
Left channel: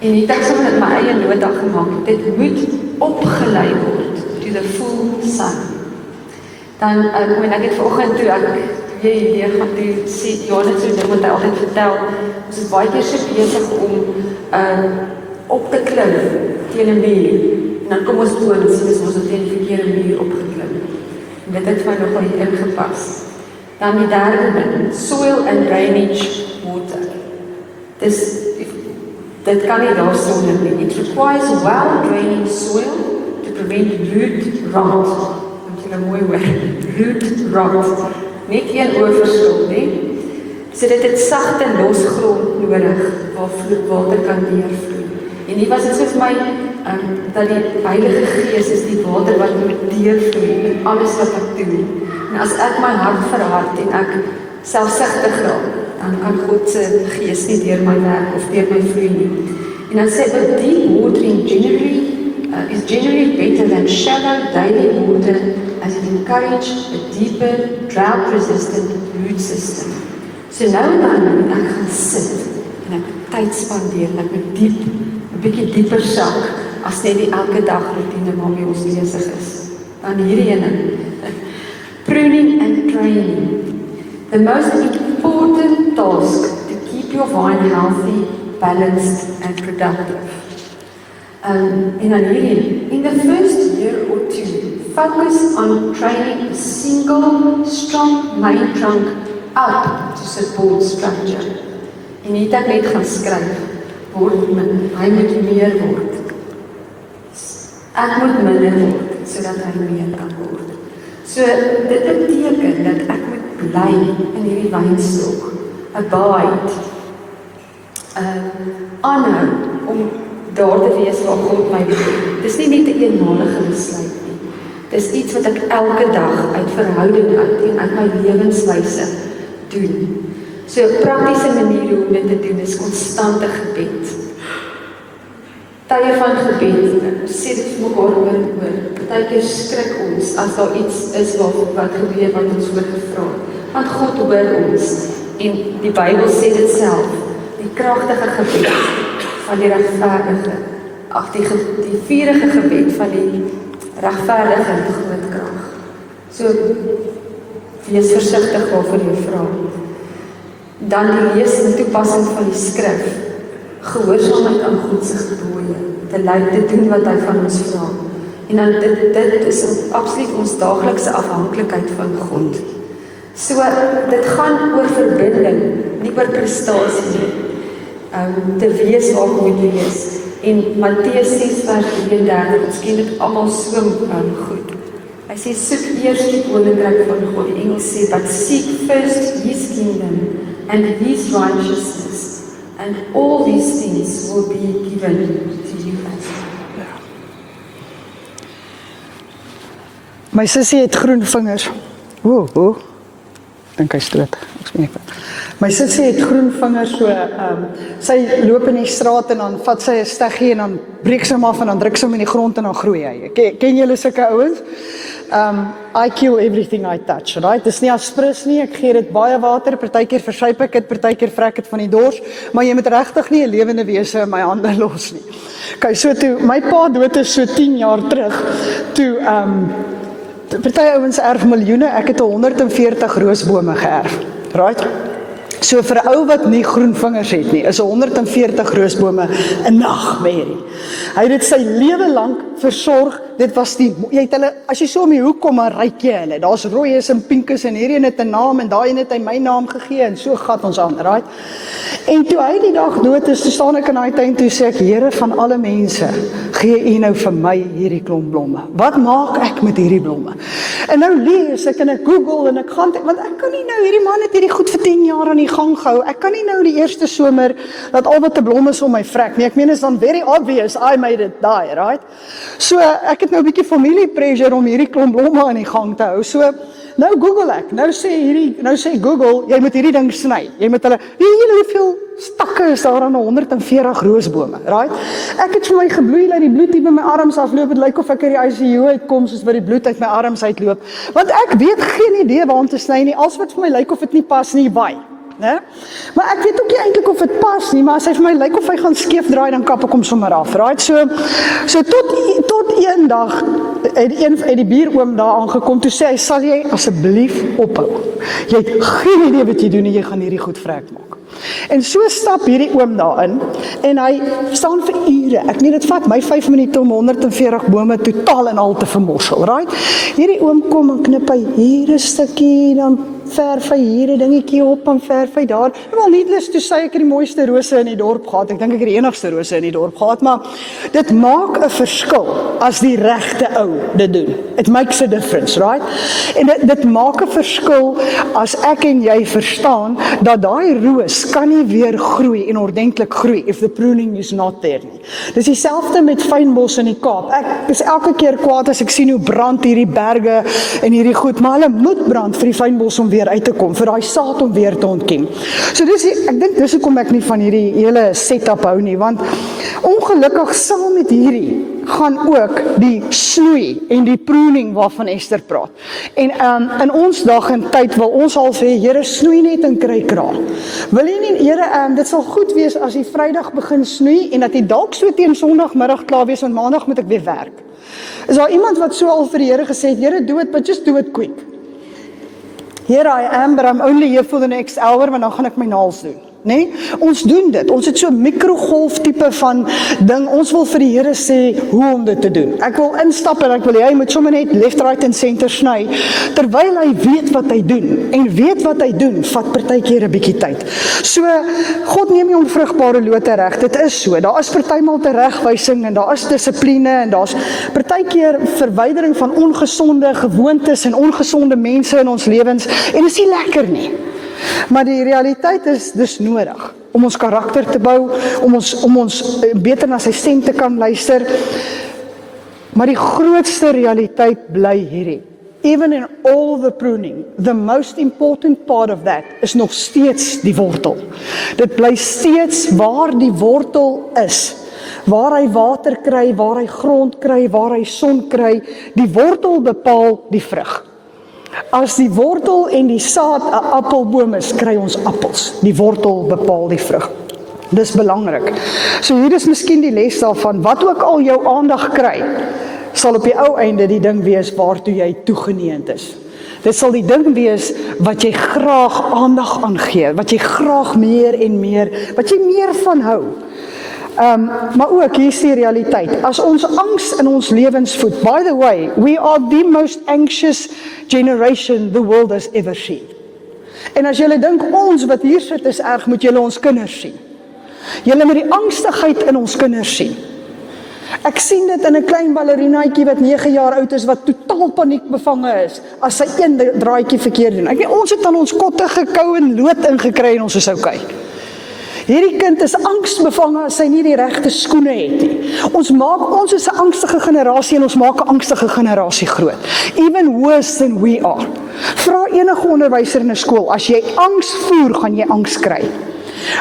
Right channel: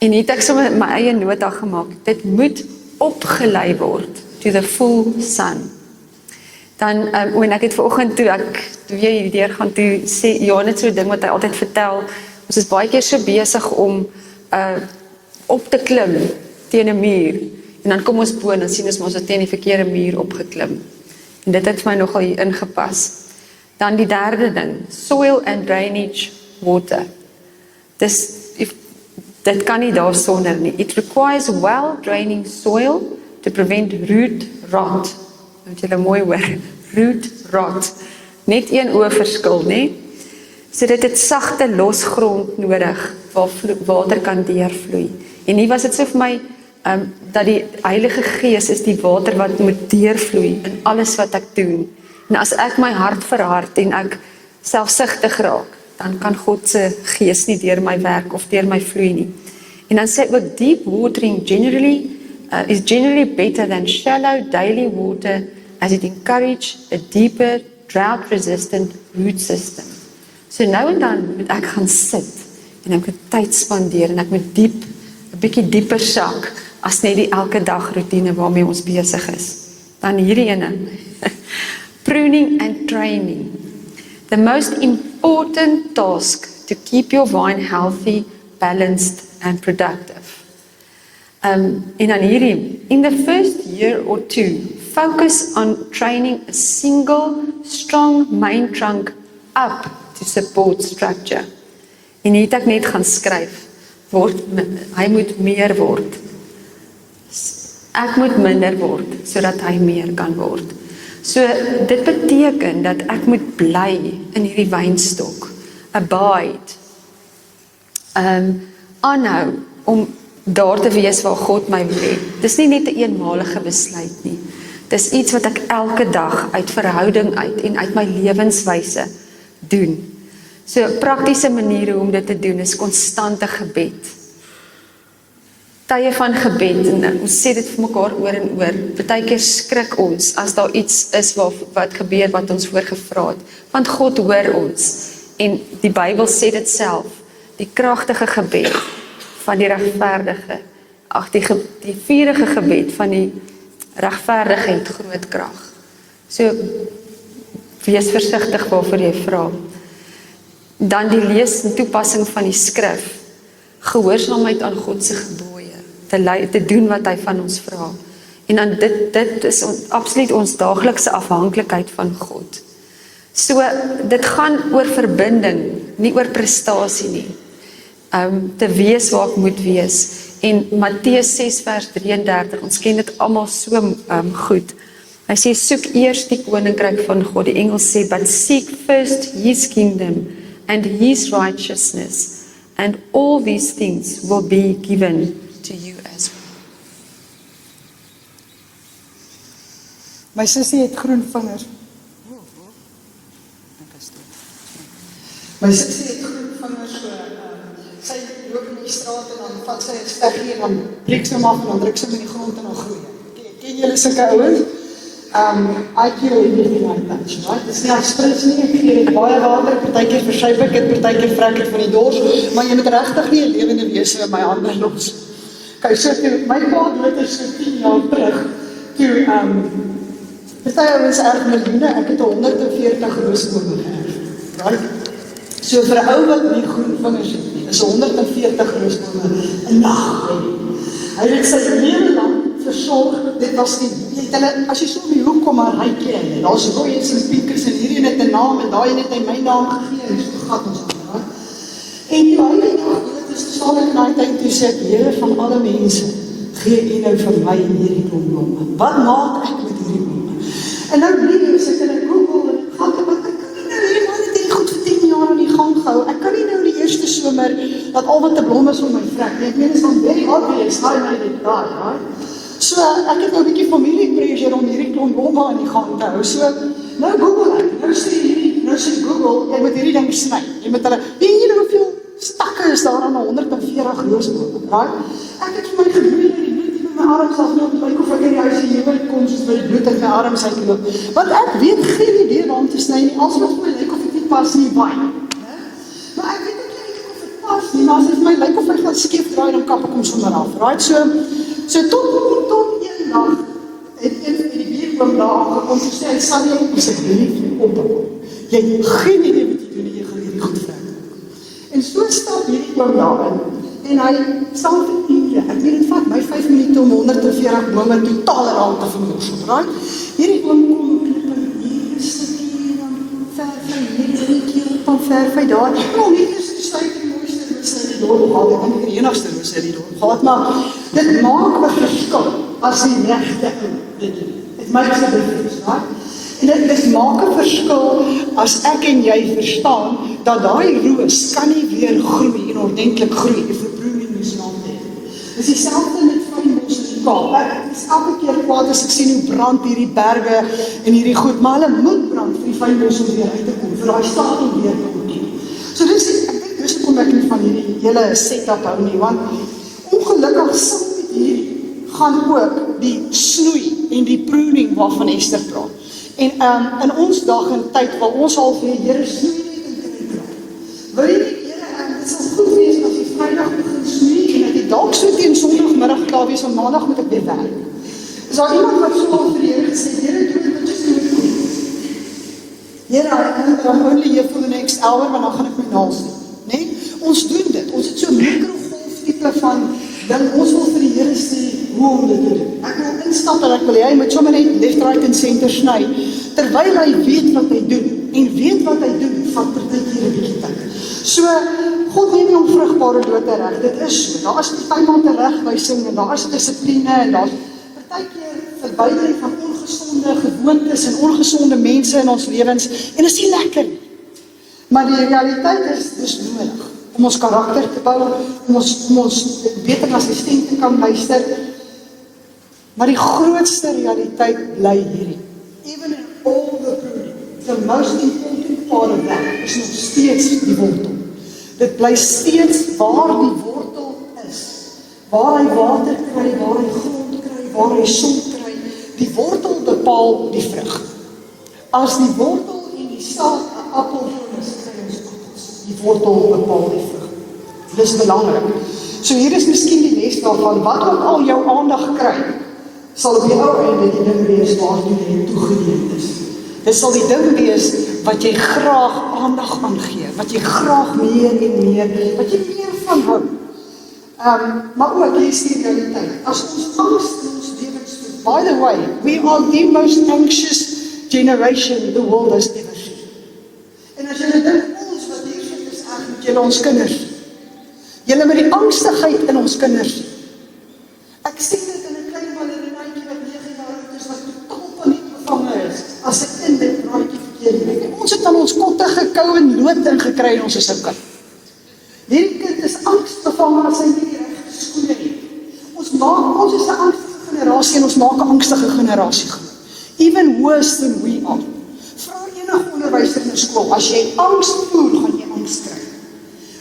En het ek sommer my eie nota gemaak. Dit moet opgelei word to the full sun. Dan, en ek het vanoggend toe jy hierdeur gaan toe sê, ja, net so ding wat hy altyd vertel, ons is baie keer so besig om op te klim teen 'n muur, en dan kom ons bo en sien ons het teen die verkeerde muur opgeklim. En dit het vir my nogal hier ingepas. Dan die derde ding, soil and drainage water. Dit kan nie daar sonder nie. It requires well-draining soil to prevent root rot. Moet julle mooi hoor, root rot. Net een oorverskil, nee? So dit het sagte losgrond nodig waar water kan deurvloei. En hier was dit so vir my dat die Heilige Gees is die water wat moet deurvloei in alles wat ek doen. En as ek my hart verhard en ek selfsugtig raak, dan kan God se Gees nie deur my werk of deur my vloei nie. En dan sê hy, deep watering is generally better than shallow daily water as it encourages a deeper, drought-resistant root system. So nou en dan moet ek gaan sit en ek moet tyd spandeer en ek moet 'n bietjie dieper sak as net die elke dag routine waarmee ons besig is. Dan hierdie ene. Pruning and training. The most important task to keep your vine healthy, balanced and productive. En dan hierdie, in the first year or two, focus on training a single, strong main trunk up to support structure. En het ek net gaan skryf, hy moet meer word. Ek moet minder word, sodat hy meer kan word. So, dit beteken dat ek moet bly in hierdie wynstok, abide, aanhou, om daar te wees waar God my wil. Dis nie net 'n eenmalige besluit nie. Dis iets wat ek elke dag uit verhouding uit en uit my lewenswyse doen. So 'n praktiese manier om dit te doen is konstante gebed. Tye van gebed, en ons sê dit vir mekaar oor en oor. Partykeer skrik ons as daar iets is wat gebeur wat ons voorgevra het. Want God hoor ons. En die Bybel sê dit self. Die kragtige gebed van die regverdige. Die vurige gebed van die regverdige het groot krag. So, wees versigtig waarvoor jy vra. Dan die lees en toepassing van die skrif. Gehoorsaamheid aan God se gebooie. Te doen wat hy van ons vra. En dan dit is absoluut ons daaglikse afhanklikheid van God. So, dit gaan oor verbinding, nie oor prestasie nie. Te wees waar ek moet wees. En Matteus 6 vers 33, ons ken dit almal so goed. Hy sê, soek eers die koninkryk van God. Die Engels sê, but seek first his kingdom and his righteousness, and all these things will be given to you as well. My sussie het groen vingers. Dink hy stoot. My sussie het groen vingers, so sy loop in die straat en dan vat sy 'n steggie en dan breek sy hom af en dan druk sy hom in die grond en dan groei hy. Ken julle sulke ouens? I kill everything I touch, right? Dis nie afspris nie, ek gee dit baie water, partykeer versuip ek dit, partykeer vrek ek van die dors, maar jy moet regtig nie 'n lewende wese in my hande los nie. Okay, so toe my pa dood is so 10 jaar terug, toe party ouens erf miljoene, ek het 140 roosbome geërf, right? So vir 'n ou wat nie groen vingers het nie, is 140 roosbome 'n nagmerrie. Hy het dit sy lewe lank versorg, dit was die, jy het hulle, as jy so om die hoek kom, maar ryk jy hulle, daar's rooies en pinkes, en hierdie het 'n naam, en daai het hy my naam gegee, en so gat ons aan, right? En toe hy die dag dood is, toe staan ek in daai tuin, toe sê ek, Here van alle mense, gee U nou vir my hierdie klomp blomme. Wat maak ek met hierdie blomme? En nou lees ek en ek Google en ek gaan, want ek kan nie nou, hierdie man het hierdie goed vir 10 jaar aan die gang gehou, ek kan nie nou die eerste somer, dat al wat 'n blom is om my vrek nie, ek meen is dan very obvious, I made it die, right? So ek het nou 'n bietjie familie pressure om hierdie klomp blomme aan die gang te hou, so nou Google ek, nou sê Google, jy moet hierdie ding sny, jy moet hulle, weet jy hoeveel stakke is daar aan 140 roosbome, right? Ek het vir my gebloei dat die bloed hier by my arms afloop, het lyk of ek in die ICU uitkom, soos wat die bloed uit my arms uitloop, want ek weet geen idee waar om te sny nie, als wat vir my lyk of het nie pas nie, baie, né? Maar ek weet ook nie eintlik of het pas nie, maar as hy vir my lyk of hy gaan skeef draai, dan kap ek hom sommer af, right? So tot een dag, het die bieroom daar aangekom, toe sê hy, sal jy asseblief ophou? Jy het geen idee wat jy doen en jy gaan hierdie goed vrek maak. En so stap hierdie oom daarin, en hy staan vir ure, ek meen dit vat my 5 minute om 140 bome totaal en al te vermorsel, right? Hierdie oom kom en knip hy hier 'n stukkie, dan verf hy hier 'n dingetjie op en verf hy daar. Wel, nie eens toe sê ek die mooiste rose in die dorp gehad, ek dink ek het die enigste rose in die dorp gehad, maar dit maak 'n verskil as die regte ou dit doen. It makes a difference, right? En dit maak 'n verskil as ek en jy verstaan dat daai roos kan nie weer groei en ordentlik groei if the pruning is not there. Dis dieselfde met fynbos in die Kaap. Ek is elke keer kwaad as ek sien hoe brand hierdie berge en hierdie goed, maar hulle moet brand vir die fynbos om weer uit te kom, vir daai saad om weer te ontken. So ek dink dis hoekom ek nie van hierdie hele setup hou nie, want ongelukkig saam met hierdie gaan ook die snoei en die pruning waarvan Esther praat. En in ons dag en tyd wil ons al sê, Here, snoei net en kry kraal. Wil jy nie, Here, dit sal goed wees as jy Vrydag begin snoei en dat jy dalk so teen Sondagmiddag klaar wees en Maandag moet ek weer werk. Is daar iemand wat so al vir die Here gesê het, Here, do it, but just do it quick. Here I am, but I'm only here for the next hour, want dan gaan ek my naels doen. Nee, ons doen dit. Ons het so 'n mikrogolf tipe van ding. Ons wil vir die Here sê hoe om dit te doen. Ek wil instap en ek wil hy moet sommer net left, right en center sny, terwyl hy weet wat hy doen. En weet wat hy doen, vat partykeer 'n bietjie tyd. So, God neem nie onvrugbare lote reg. Dit is so. Daar is partymal teregwysing en daar is dissipline en daar's partykeer verwydering van ongesonde gewoontes en ongesonde mense in ons lewens en dit is nie lekker nie. Maar die realiteit is dis nodig om ons karakter te bou, om ons beter na sy stem te kan luister. Maar die grootste realiteit bly hierdie. Even in all the pruning, the most important part of that is nog steeds die wortel. Dit bly steeds waar die wortel is. Waar hy water kry, waar hy grond kry, waar hy son kry, die wortel bepaal die vrug. As die wortel en die saad 'n appelboom is, kry ons appels. Die wortel bepaal die vrug. Dis belangrik. So hier is miskien die les daarvan, wat ook al jou aandag kry, sal op die ou einde die ding wees waartoe jy toegeneend is. Dit sal die ding wees wat jy graag aandag aan gee, wat jy graag meer en meer, wat jy meer van hou. Maar ook hier is die realiteit. As ons angs in ons lewens voed, by the way, we are the most anxious generation the world has ever seen. En as julle dink ons wat hier sit is erg, moet julle ons kinders sien. Julle moet die angstigheid in ons kinders sien. Ek sien dit in 'n klein ballerinaatjie wat 9 jaar oud is, wat totaal paniekbevange is, as sy een draaitjie verkeerd doen. Ek weet, ons het aan ons kotte gekou en lood ingekry en ons is okay. Hierdie kind is angsbevange as hy nie die regte skoene het nie. Ons is 'n angstige generasie en ons maak 'n angstige generasie groot. Even worse than we are. Vra enige onderwyser in 'n skool, as jy angs voer, gaan jy angs kry.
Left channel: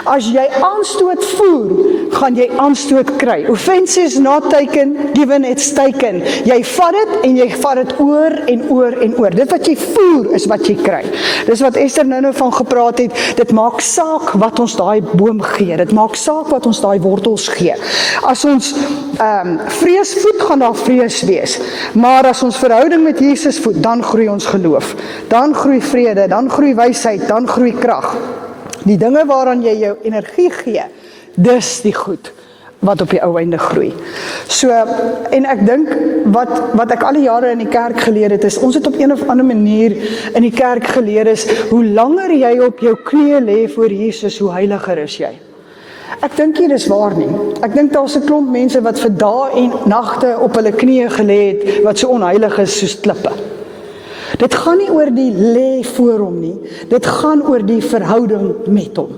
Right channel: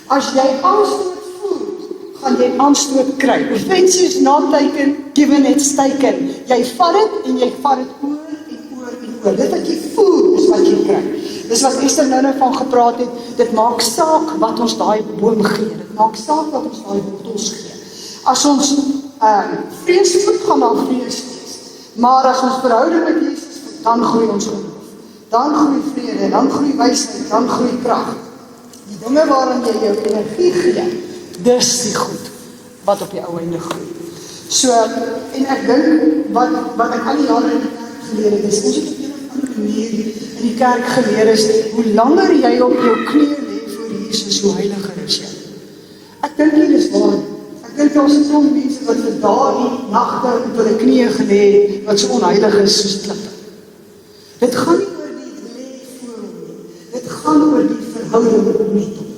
As jy angstoot voer, gaan jy aanstoot kry. Offense is not taken, given it's taken. Jy vat dit en jy vat dit oor en oor en oor. Dit wat jy voel is wat jy kry. Dis wat Esther nou van gepraat het. Dit maak saak wat ons daai boom gee. Dit maak saak wat ons daai wortels gee. As ons vrees voed, gaan daar vrees wees. Maar as ons verhouding met Jesus voed, dan groei ons geloof. Dan groei vrede, dan groei wysheid, dan groei krag. Die dinge waaraan jy jou energie gee, dis die goed wat op die ou einde groei. So, en ek dink, wat ek al die jare in die kerk geleer het, is, ons het op een of ander manier in die kerk geleer is, hoe langer jy op jou knieë lê voor Jesus, hoe heiliger is jy. Ek dink hier is waar nie. Ek dink daar is 'n klomp mense wat vir dae en nagte op hulle knieë gelê het, wat so onheilig is soos klippe. Dit gaan nie oor die lê voor hom nie, dit gaan oor die verhouding met hom.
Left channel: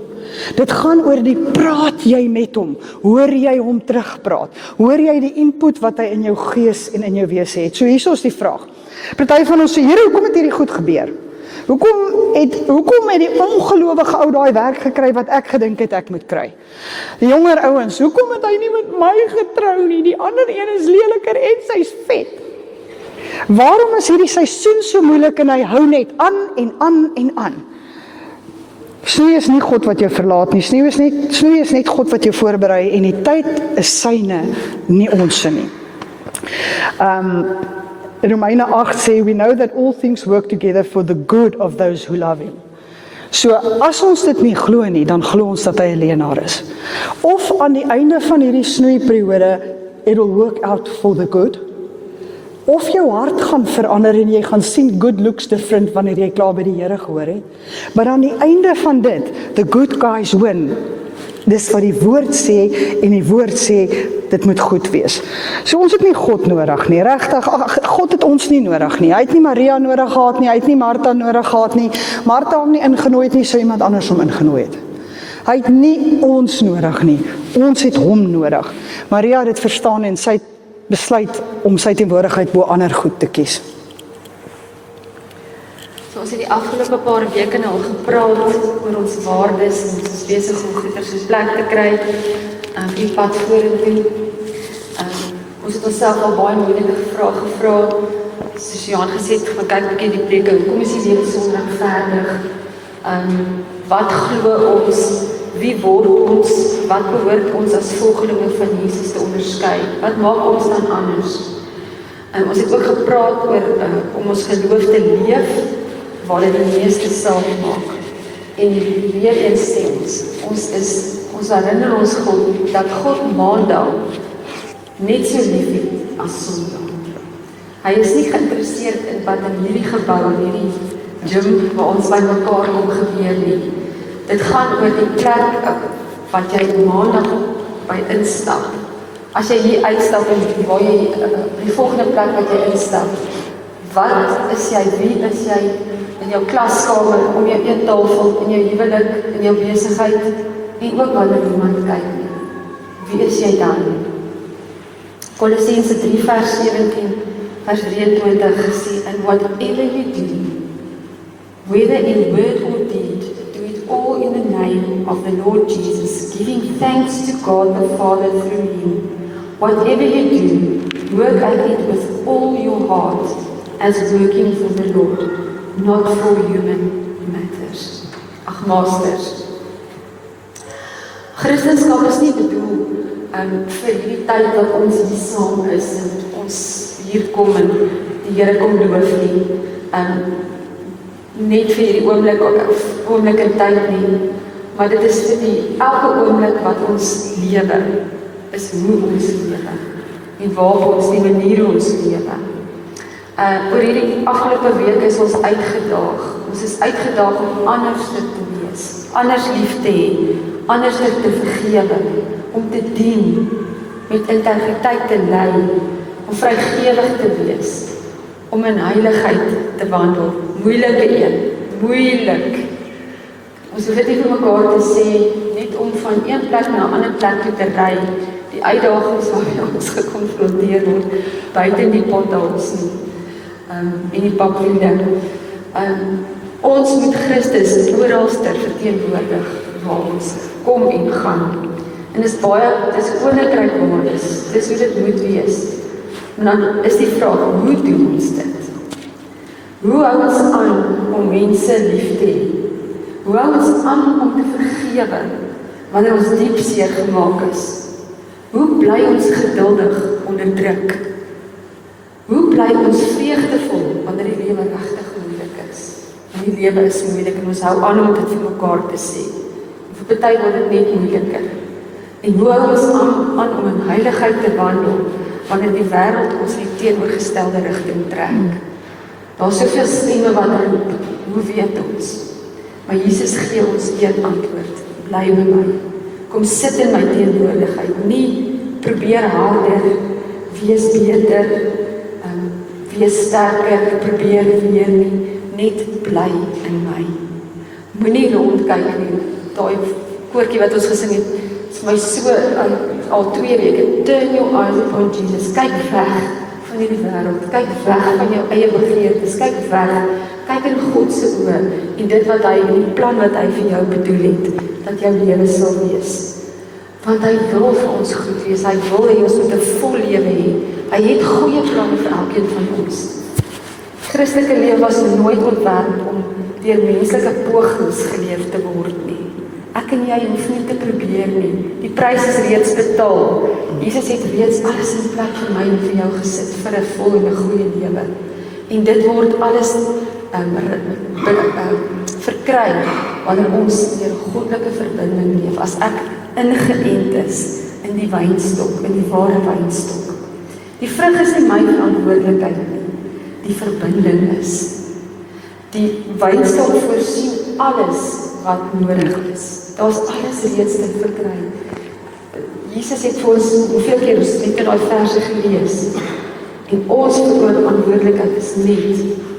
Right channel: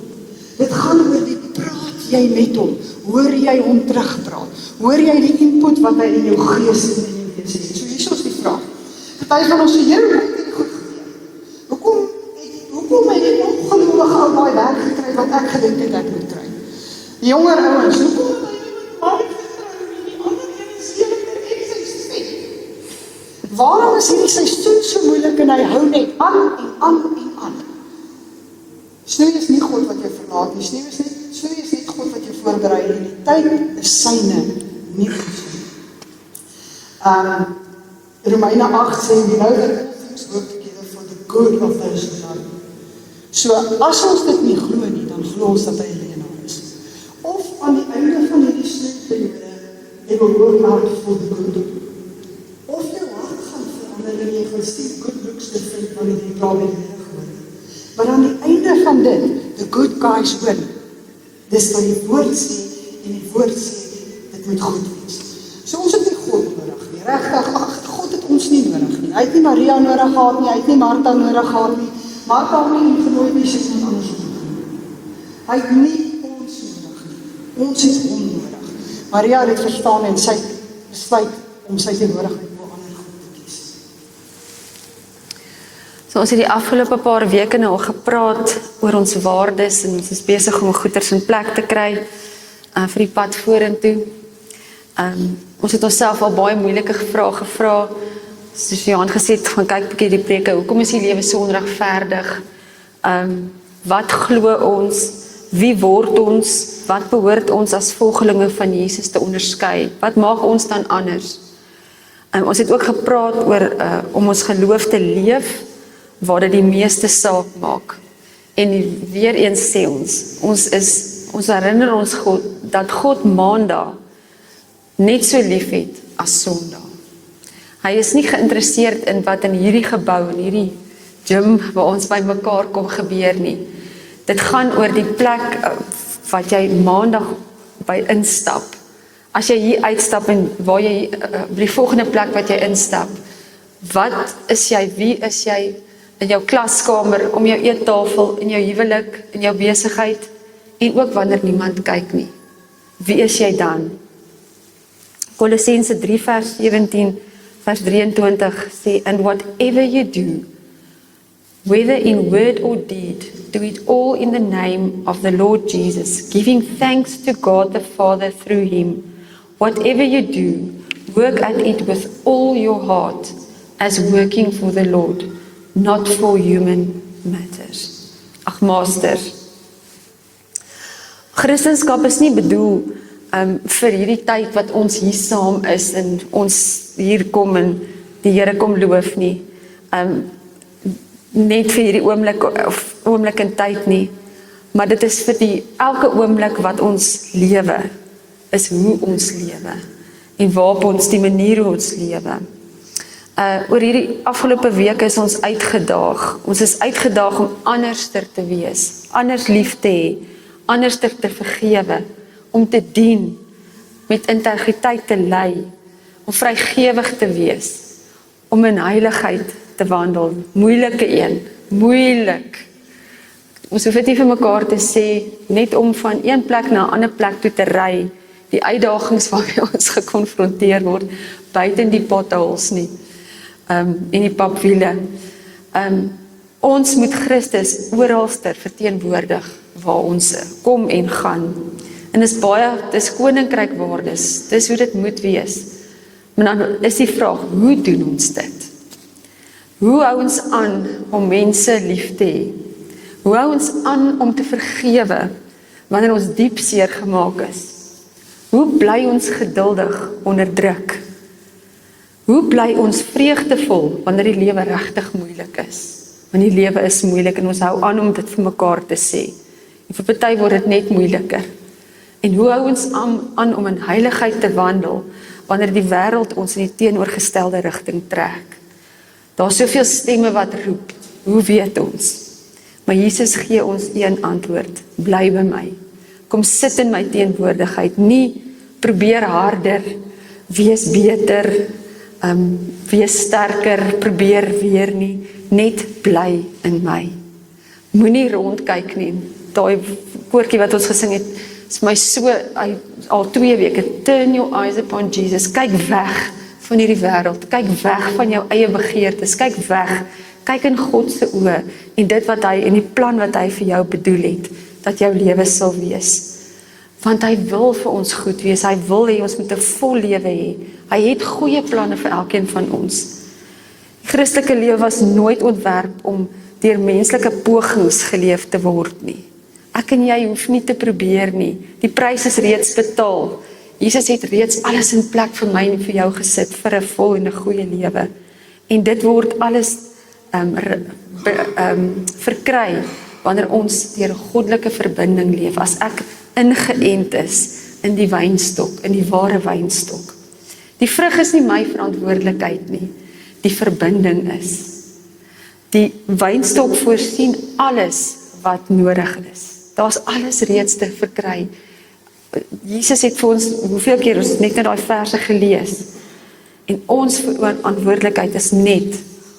Dit gaan oor die praat jy met hom, hoor jy hom terugpraat, hoor jy die input wat hy in jou gees en in jou wese het. So hier is die vraag. Party van ons sê, Here, hoekom het hierdie goed gebeur? Hoekom het die ongelowige ou daai werk gekry wat ek gedink het ek moet kry? Die jonger ouens, hoekom het hy nie met my getrou nie? Die ander een is leliker en sy's vet. Waarom is hierdie seisoen so moeilik en hy hou net aan en aan en aan? Snoei is nie God wat jou verlaat nie, snoei is net God wat jou voorberei en die tyd is syne, nie onse nie. Romeine 8 sê, we know that all things work together for the good of those who love him. So, as ons dit nie glo nie, dan glo ons dat hy 'n leienaar is. Of aan die einde van hierdie snoeiperiode, it will work out for the good. Of jou hart gaan verander en jy gaan sien good looks different wanneer jy klaar by die Here gehoor het. Maar aan die einde van dit, the good guys win. Dis wat die woord sê, en die woord sê, dit moet goed wees. So ons het nie God nodig nie, regtig, God het ons nie nodig nie. Hy het nie Maria nodig gehad nie, hy het nie Martha nodig gehad nie. Martha hom nie ingenooi het nie, sou iemand anders hom ingenooi het. Hy het nie ons nodig nie, ons het hom nodig. Maria het dit verstaan en sy besluit om sy teenwoordigheid bo ander goed te kies. So ons het die afgelope paar weke nou al gepraat oor ons waardes en ons is besig om goeders in plek te kry vir die pad vorentoe. Ons het onsself al baie moeilike vrae gevra. Soos Johan gesê het, gaan kyk 'n bietjie die preke. Hoekom is die lewe so onregverdig? Wat glo ons? Wie word ons? Wat behoort ons as volgelinge van Jesus te onderskei? Wat maak ons dan anders? Ons het ook gepraat oor om ons geloof te leef, waar dit die meeste saak maak. En weer eens sê ons herinner ons God, dat God Maandag net so lief het as Sondag. Hy is nie geïnteresseerd in wat in hierdie gebou, in hierdie gym waar ons by mekaar kom gebeur nie. Dit gaan oor die plek wat jy Maandag by instap. As jy hier uitstap en waar jy by die volgende plek wat jy instap, wat is jy, wie is jy in jou klaskamer, om jou eettafel, in jou huwelik, in jou besigheid en ook wanneer niemand kyk nie. Wie is jy dan? Kolossense 3 vers 17 vers 23 sê, and whatever you do, whether in word or deed, do it all in the name of the Lord Jesus, giving thanks to God the Father through him. Whatever you do, work at it with all your heart, as working for the Lord, not for human matters. Ag masters, Christendom is nie bedoel vir hierdie tyd wat ons hier saam is en ons hier kom en die Here kom loof nie. Net vir hierdie oomblik en tyd nie, maar dit is vir elke oomblik wat ons lewe, is hoe ons lewe en waar ons die manier hoe ons lewe. Oor hierdie afgelope week is ons uitgedaag. Ons is uitgedaag om anderster te wees, anders lief te hê, anderster te vergewe, om te dien, met integriteit te lei, om vrygewig te wees, om in heiligheid te wandel. Moeilike een, moeilik. Ons hoef dit nie vir mekaar te sê, net om van een plek na 'n ander plek toe te ry, die uitdagings waarmee ons gekonfronteer word, buite die potholes nie, en die papwiele. Ons moet Christus oralster verteenwoordig waar ons kom en gaan. En dis koninkryk-waardes, dis hoe dit moet wees. Maar dan is die vraag, hoe doen ons dit? Hoe hou ons aan om mense lief te hê? Hoe hou ons aan om te vergewe wanneer ons diep seer gemaak is? Hoe bly ons geduldig onder druk? Hoe bly ons vreugdevol wanneer die lewe regtig moeilik is? Want die lewe is moeilik en ons hou aan om dit vir mekaar te sê. En vir party word dit net moeiliker. En hoe hou ons aan om in heiligheid te wandel wanneer die wêreld ons in die teenoorgestelde rigting trek? Daar is soveel stemme wat roep, hoe weet ons? Maar Jesus gee ons een antwoord, bly by my. Kom sit in my teenwoordigheid, nie probeer harder, wees beter, wees sterker, probeer weer nie, net bly in my. Moenie rondkyk nie, daai koortjie wat ons gesing het, is my so, al 2 weke, turn your eyes upon Jesus, kyk weg van hierdie wêreld, kyk weg van jou eie begeertes, kyk weg, kyk in God se oë, en dit wat hy, en die plan wat hy vir jou bedoel het, dat jou lewe sal wees. Want hy wil vir ons goed wees, hy wil hê ons moet 'n vol lewe hê, hy het goeie planne vir elkeen van ons. Christelike lewe was nooit ontwerp om deur menslike pogings geleef te word nie. Ek en jy hoef nie te probeer nie. Die prys is reeds betaal. Jesus het reeds alles in plek vir my en vir jou gesit vir 'n vol en 'n goeie lewe. En dit word alles verkry wanneer ons deur 'n goddelike verbinding leef. As ek ingeënt is in die wynstok, in die ware wynstok. Die vrug is nie my verantwoordelikheid nie. Die verbinding is. Die wynstok voorsien alles wat nodig is. Daar's alles reeds te verkry. Jesus het vir ons, hoeveel keer ons net in daai verse gelees. En ons verantwoordelikheid is net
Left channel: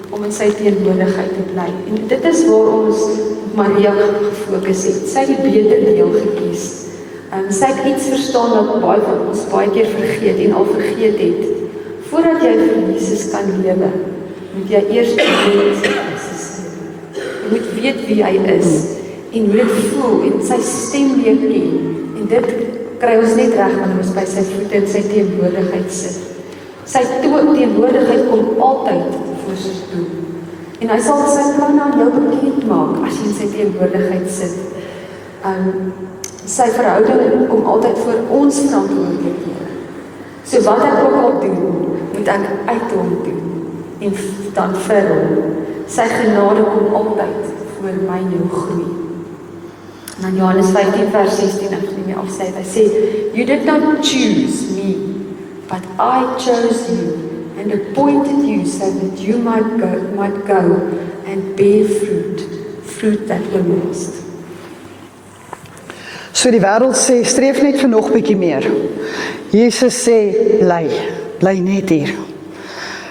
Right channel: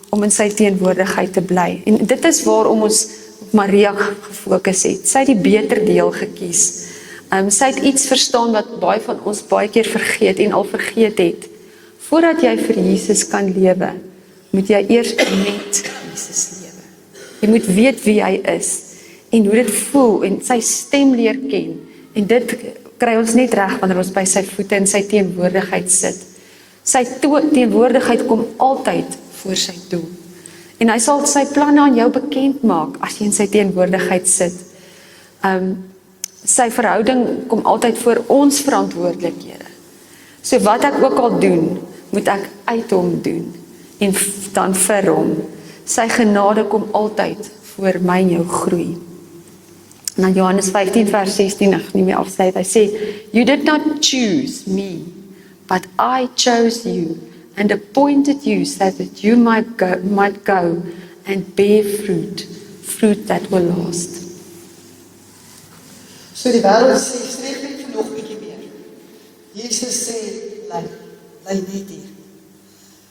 om in sy teenwoordigheid te bly. En dit is waarom ons Maria gefokus het. Sy het die beter deel gekies. Sy het iets verstaan wat baie van ons baie keer vergeet en al vergeet het. Voordat jy vir Jesus kan lewe, moet jy eers met Jesus lewe. Jy moet weet wie hy is en hoe dit voel en sy stem leer ken. En dit kry ons net reg wanneer ons by sy voete in sy teenwoordigheid sit. Sy teenwoordigheid kom altyd voor sy toe. En hy sal sy planne aan jou bekend maak as jy in sy teenwoordigheid sit. Sy verhouding kom altyd voor ons verantwoordelikhede. So wat ek ook al doen, moet ek uit hom doen en dan vir hom. Sy genade kom altyd voor my en jou groei. En dan Johannes 15 vers 16, ek nie meer afsê, hy sê, you did not choose me, but I chose you and appointed you so that you might go and bear fruit that will last. So die wêreld sê, streef net vir nog bietjie meer. Jesus sê, bly net hier.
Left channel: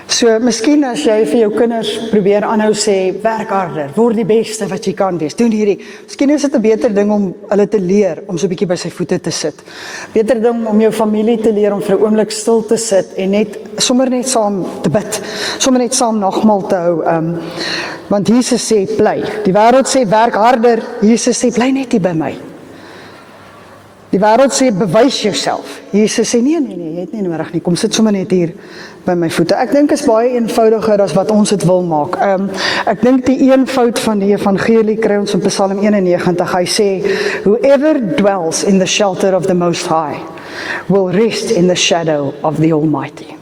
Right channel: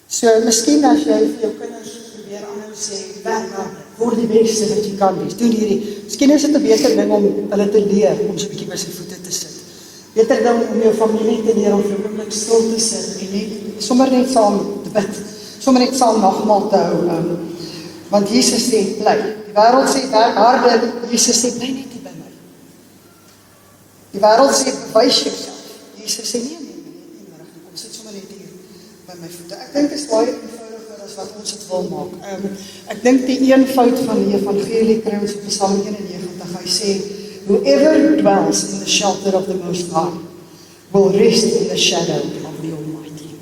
So, miskien as jy vir jou kinders probeer aanhou sê, werk harder, word die beste wat jy kan wees, doen hierdie. Miskien is dit 'n beter ding om hulle te leer, om so 'n bietjie by sy voete te sit. Beter ding om jou familie te leer om vir 'n oomblik stil te sit en sommer net saam te bid, sommer net saam nagmaal te hou. Want Jesus sê, bly. Die wêreld sê, werk harder. Jesus sê, bly net hier by my. Die wêreld sê, bewys jouself. Jesus sê, nee, jy het nie nodig nie, kom sit sommer net hier by my voete. Ek dink is baie eenvoudiger as wat ons dit wil maak. Ek dink die eenvoud van die evangelie kry ons in Psalm 91. Hy sê, whoever dwells in the shelter of the Most High will rest in the shadow of the Almighty.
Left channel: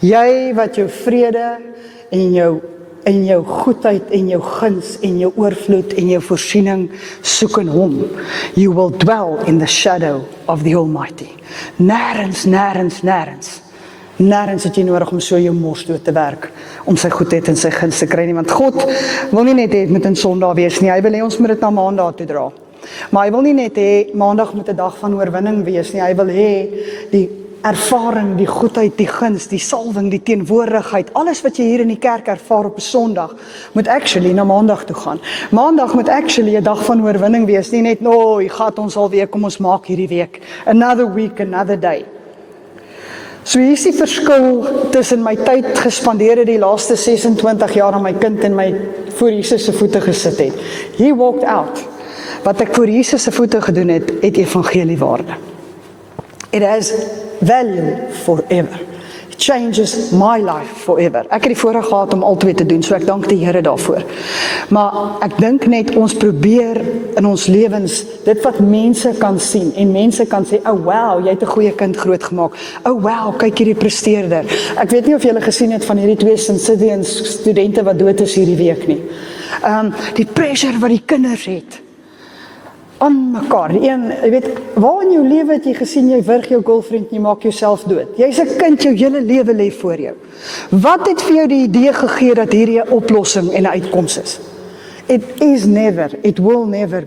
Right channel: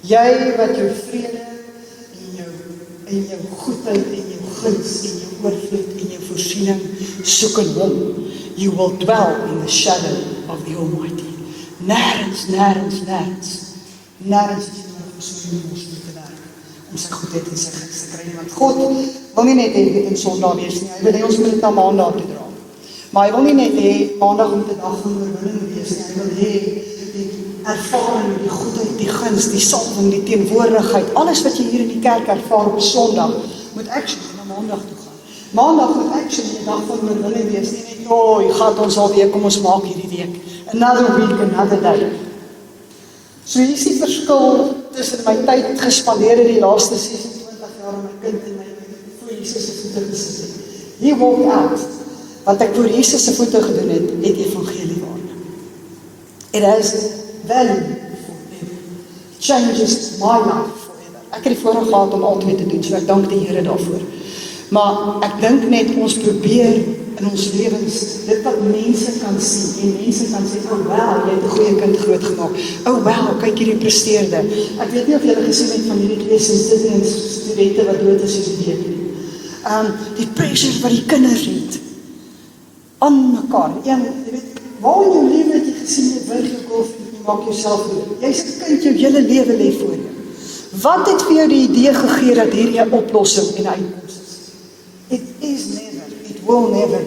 Jy wat jou vrede en jou goedheid en jou guns en jou oorvloed en jou voorsiening soek in hom. You will dwell in the shadow of the Almighty. Nêrens het jy nodig om so jou mors dood te werk, om sy goedheid en sy guns te kry nie, want God wil nie net hê met 'n Sondag wees nie, hy wil hê ons moet dit na Maandag toe dra. Maar hy wil nie net hê Maandag moet 'n dag van oorwinning wees nie, hy wil hê die ervaring, die goedheid, die guns, die salwing, die teenwoordigheid, alles wat jy hier in die kerk ervaar op Sondag, moet actually na Maandag toe gaan. Maandag moet actually 'n dag van oorwinning wees, nie net, gaat ons alweer, kom ons maak hierdie week. Another week, another day. So hier is die verskil tussen my tyd gespandeer het die laaste 26 jaar aan my kind en my voor Jesus se voete gesit het. He walked out. wat ek vir Jesus se voete gedoen het evangelie waarde. It has value forever. It changes my life forever. Ek het die voorreg gehad om altyd te doen, so ek dank die Here daarvoor. Maar ek dink net ons probeer in ons lewens, dit wat mense kan sien, en mense kan sê, oh wow, jy het 'n goeie kind grootgemaak. Oh wow, kyk hierdie presteerder. Ek weet nie of julle gesien het van hierdie 2 St. Stephen's studente wat dood is hierdie week nie. Die pressure wat die kinders het aan mekaar. Jy weet, waar in jou lewe het jy gesien, jy wurg jou girlfriend en jy maak jouself dood? Jy's 'n kind, jou hele lewe lê voor jou. Wat het vir jou die idee gegee dat hierdie 'n oplossing en 'n uitkoms is? It is never, it will never.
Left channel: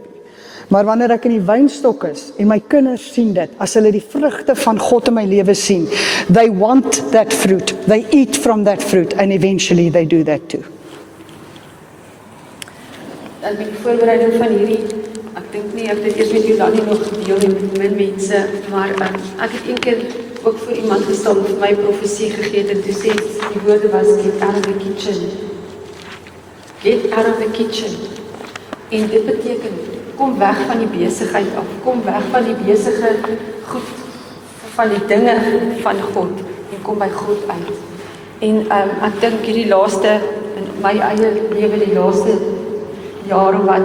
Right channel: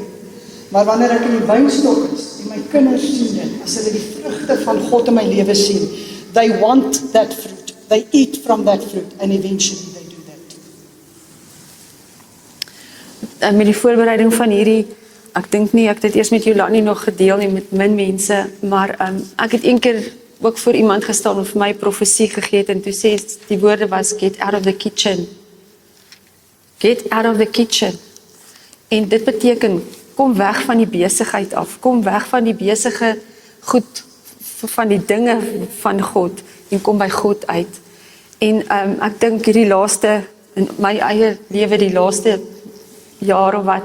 Maar wanneer ek in die wynstok is, en my kinders sien dit, as hulle die vrugte van God in my lewe sien, they want that fruit, they eat from that fruit, and eventually they do that too. En met die voorbereiding van hierdie, ek dink nie, ek het dit eers met Jolandi nog gedeel en met min mense, maar ek het een keer ook voor iemand gestaan en vir my profesie gegee en toe sê die woorde was, get out of the kitchen. Get out of the kitchen. En dit beteken, kom weg van die besigheid af, kom weg van die besige goed, van die dinge van God, en kom by God uit. En ek dink hierdie laaste, in my eie lewe die laaste jaar of wat,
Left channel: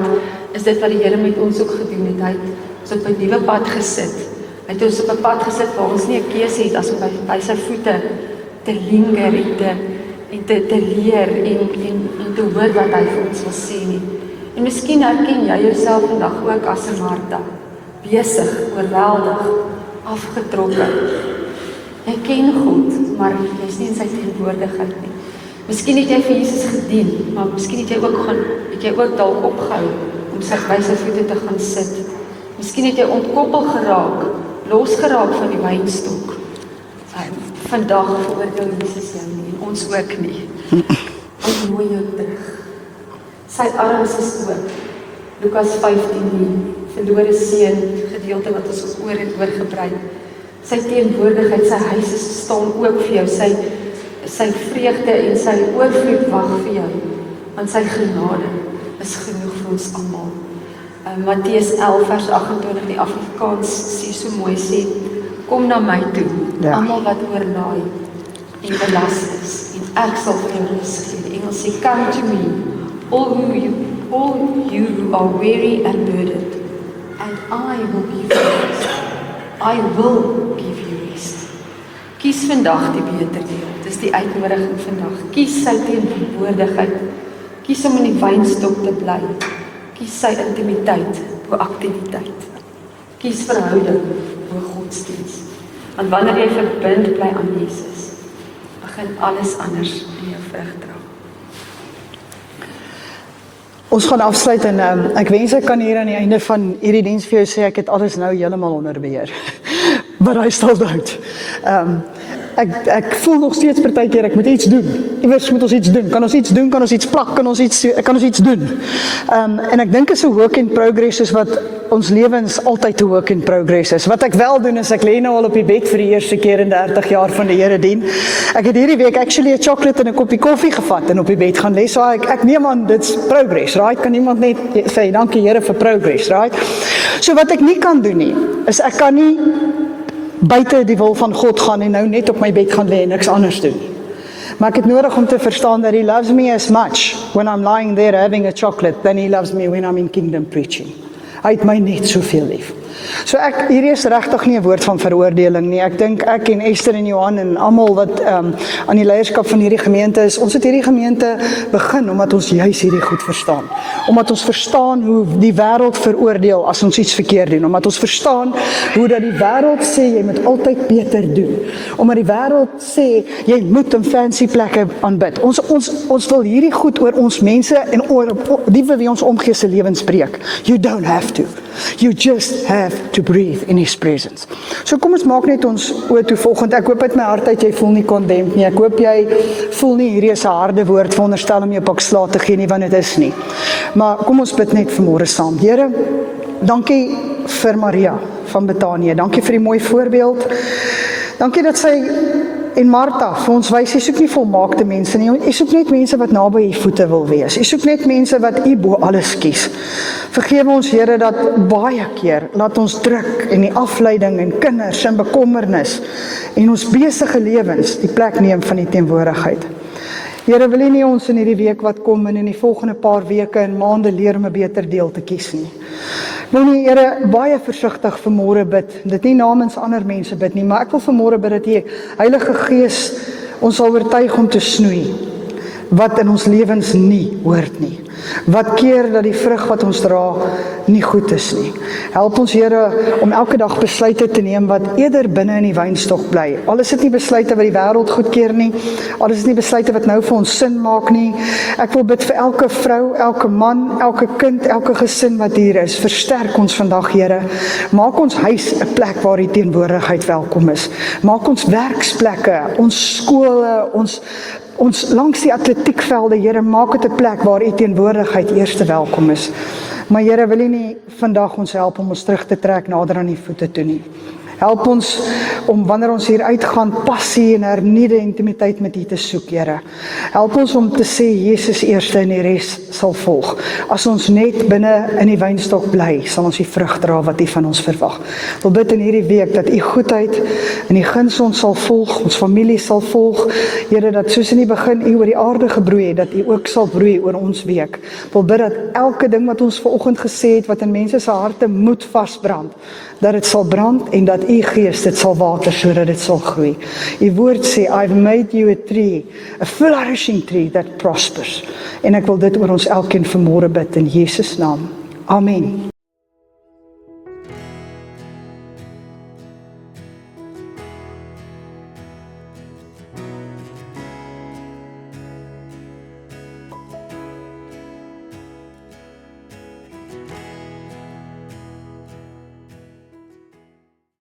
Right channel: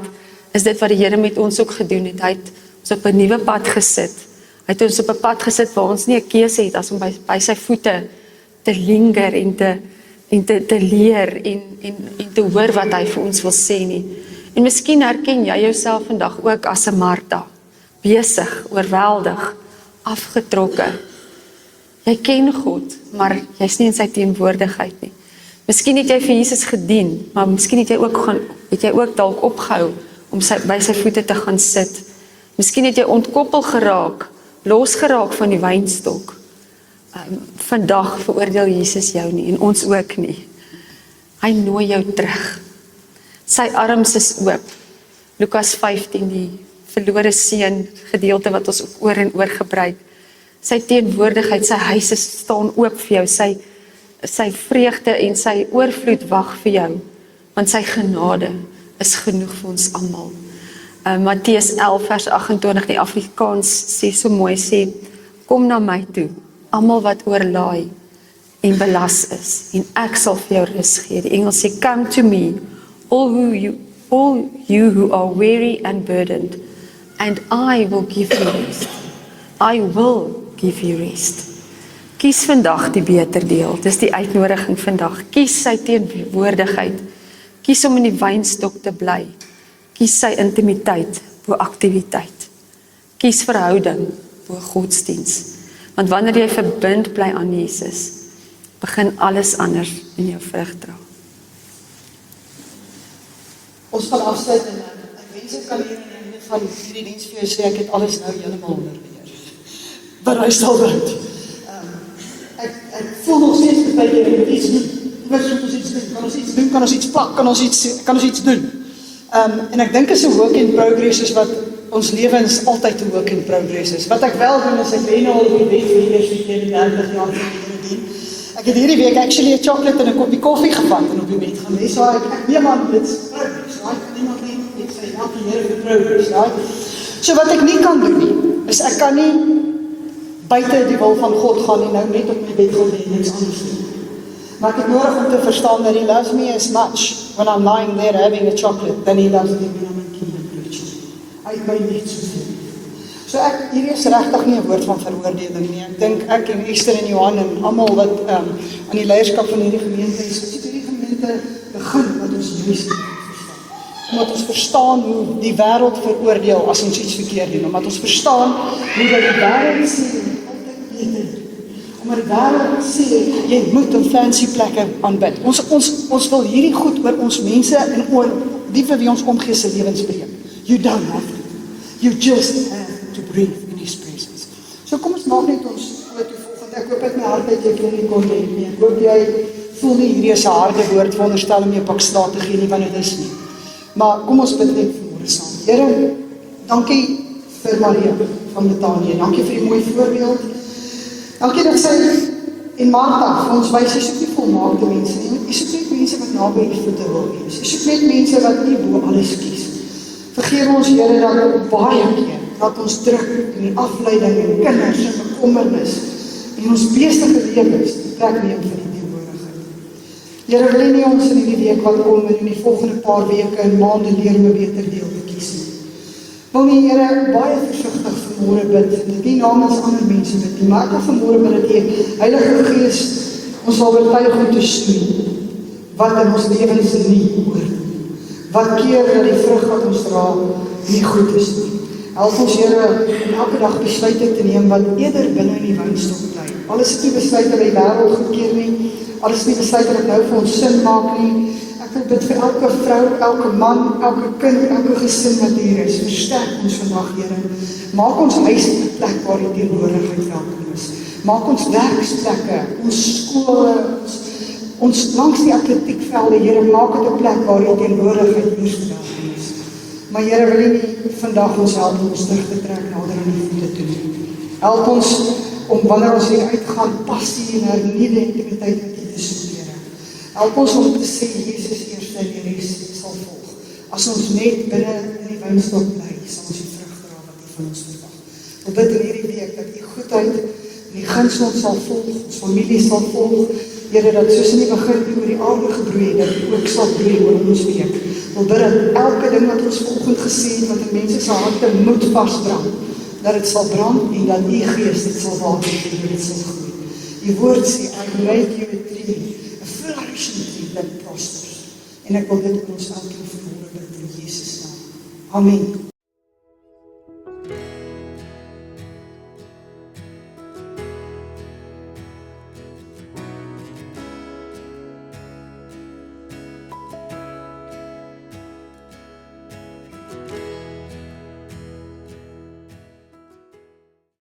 is dit wat die Here met ons ook gedoen het. Hy het ons op 'n nuwe pad gesit. Hy het ons op 'n pad gesit waar ons nie 'n keuse het as om by sy voete te linger en te leer en te hoor wat hy vir ons wil sê nie. En miskien herken jy jouself vandag ook as 'n Martha, besig, oorweldig, afgetrokke. Jy ken God, maar jy's nie in sy teenwoordigheid nie. Miskien het jy vir Jesus gedien, maar miskien het jy ook dalk opgehou om by sy voete te gaan sit. Miskien het jy ontkoppel geraak, losgeraak van die wynstok. Vandag veroordeel Jesus jou nie, en ons ook nie. Hy nooi jou terug. Sy arms is oop. Lukas 15, die verlore seun, gedeelte wat ons oor en oor gebruik. Sy teenwoordigheid, sy huis staan oop vir jou, sy vreugde en sy oorvloed wag vir jou, want sy genade is genoeg vir ons almal. Matteus 11 vers 28, die Afrikaans sê so mooi, sê, kom na my toe, almal wat oorlaai en belas is, en ek sal vir jou rus gee. Die Engels sê, come to me, all you who are weary and burdened, and I will give you rest. I will give you rest. Kies vandag die beter deel, dis die uitnodiging vandag. Kies sy teenwoordigheid, kies om in die wynstok te bly, kies sy intimiteit bo aktiwiteit, kies verhouding bo godsdiens, want wanneer jy verbind bly aan Jesus, begin alles anders in jou vrug dra. Ons gaan afsluit en ek wens ek kan hier aan die einde van hierdie diens vir jou sê, ek het alles nou heeltemal onder beheer. But I still don't. Ek voel nog steeds partykeer, ek moet iets doen. Iewers moet ons iets doen. Kan ons iets doen? Kan ons iets plak? Kan ons iets doen? En ek dink is 'n work in progress is wat ons lewens altyd 'n work in progress is. Wat ek wel doen is ek lê nou al op die bed vir die eerste keer in 30 jaar van die Here dien. Ek het hierdie week actually 'n chocolate en 'n koppie koffie gevat en op die bed gaan lê. So ek neem aan dit's progress, right? Kan iemand net sê dankie Here vir progress, right? So wat ek nie kan doen nie, is ek kan nie buite die wil van God gaan en nou net op my bed gaan lê en niks anders doen. Maar ek het nodig om te verstaan dat He loves me as much when I'm lying there having a chocolate than He loves me when I'm in kingdom preaching. Hy het my net soveel lief. So hierdie is regtig nie 'n woord van veroordeling nie. Ek dink ek en Esther en Johan en almal wat aan die leierskap van hierdie gemeente is, ons het hierdie gemeente begin omdat ons juis hierdie goed verstaan. Omdat ons verstaan hoe die wêreld veroordeel as ons iets verkeerd doen. Omdat ons verstaan hoe dat die wêreld sê jy moet altyd beter doen. Omdat die wêreld sê jy moet in fancy plekke aanbid. Ons wil hierdie goed oor ons mense en oor die vir wie ons omgee se lewens spreek. You don't have to. You just have to breathe in His presence. So kom ons maak net ons oor toe volgende. Ek hoop uit my hart uit jy voel nie condemned nie. Ek hoop jy voel nie hierdie is 'n harde woord veronderstel om jou pak slaag te gee nie, want dit is nie. Maar kom ons bid net vanmôre saam. Here, dankie vir Maria van Betanië. Dankie vir die mooi voorbeeld. Dankie dat sy en Martha vir ons wys, jy soek nie volmaakte mense nie, jy soek net mense wat naby u voete wil wees. Jy soek net mense wat u bo alles kies. Vergewe ons Here dat baie keer laat ons druk en die afleiding en kinders en bekommernis en ons besige lewens die plek neem van die teenwoordigheid. Here, wil U nie ons in hierdie week wat kom en in die volgende paar weke en maande leer om 'n beter deel te kies nie. Wil nie, Here, baie versigtig vanmôre bid, dit nie namens ander mense bid nie, maar ek wil vanmôre bid dat U Heilige Gees ons sal oortuig om te snoei wat in ons lewens nie hoort nie. Wat keer dat die vrug wat ons dra nie goed is nie. Help ons Here om elke dag besluite te neem wat eerder binne in die wynstok bly. Al is dit nie besluite wat die wêreld goedkeur nie, al is dit nie besluite wat nou vir ons sin maak nie. Ek wil bid vir elke vrou, elke man, elke kind, elke gesin wat hier is. Versterk ons vandag, Here. Maak ons huis 'n plek waar die teenwoordigheid welkom is. Maak ons werksplekke, ons skole, ons langs die atletiekvelde, Here, maak dit 'n plek waar U teenwoordigheid eerste welkom is. Maar Here, wil U nie vandag ons help om ons terug te trek nader aan U voete toe nie. Help ons om wanneer ons hier uitgaan, passie en hernieude intimiteit met U te soek, Here. Help ons om te sê Jesus eerste en die res sal volg. As ons net binne in die wynstok bly, sal ons die vrug dra wat U van ons verwag. Ek wil bid in hierdie week dat U goedheid en die guns ons sal volg, ons familie sal volg. Here, dat soos in die begin U oor die aarde gebroei het, dat U ook sal broei oor ons week. Ek wil bid dat elke ding wat ons vanoggend gesê het, wat in mense se harte moet vasbrand, dat dit sal brand en dat U Gees dit sal water sodat dit sal groei. U woord sê, I've made you a tree, a flourishing tree that prospers. En ek wil dit oor ons elkeen vanmôre bid in Jesus naam. Amen.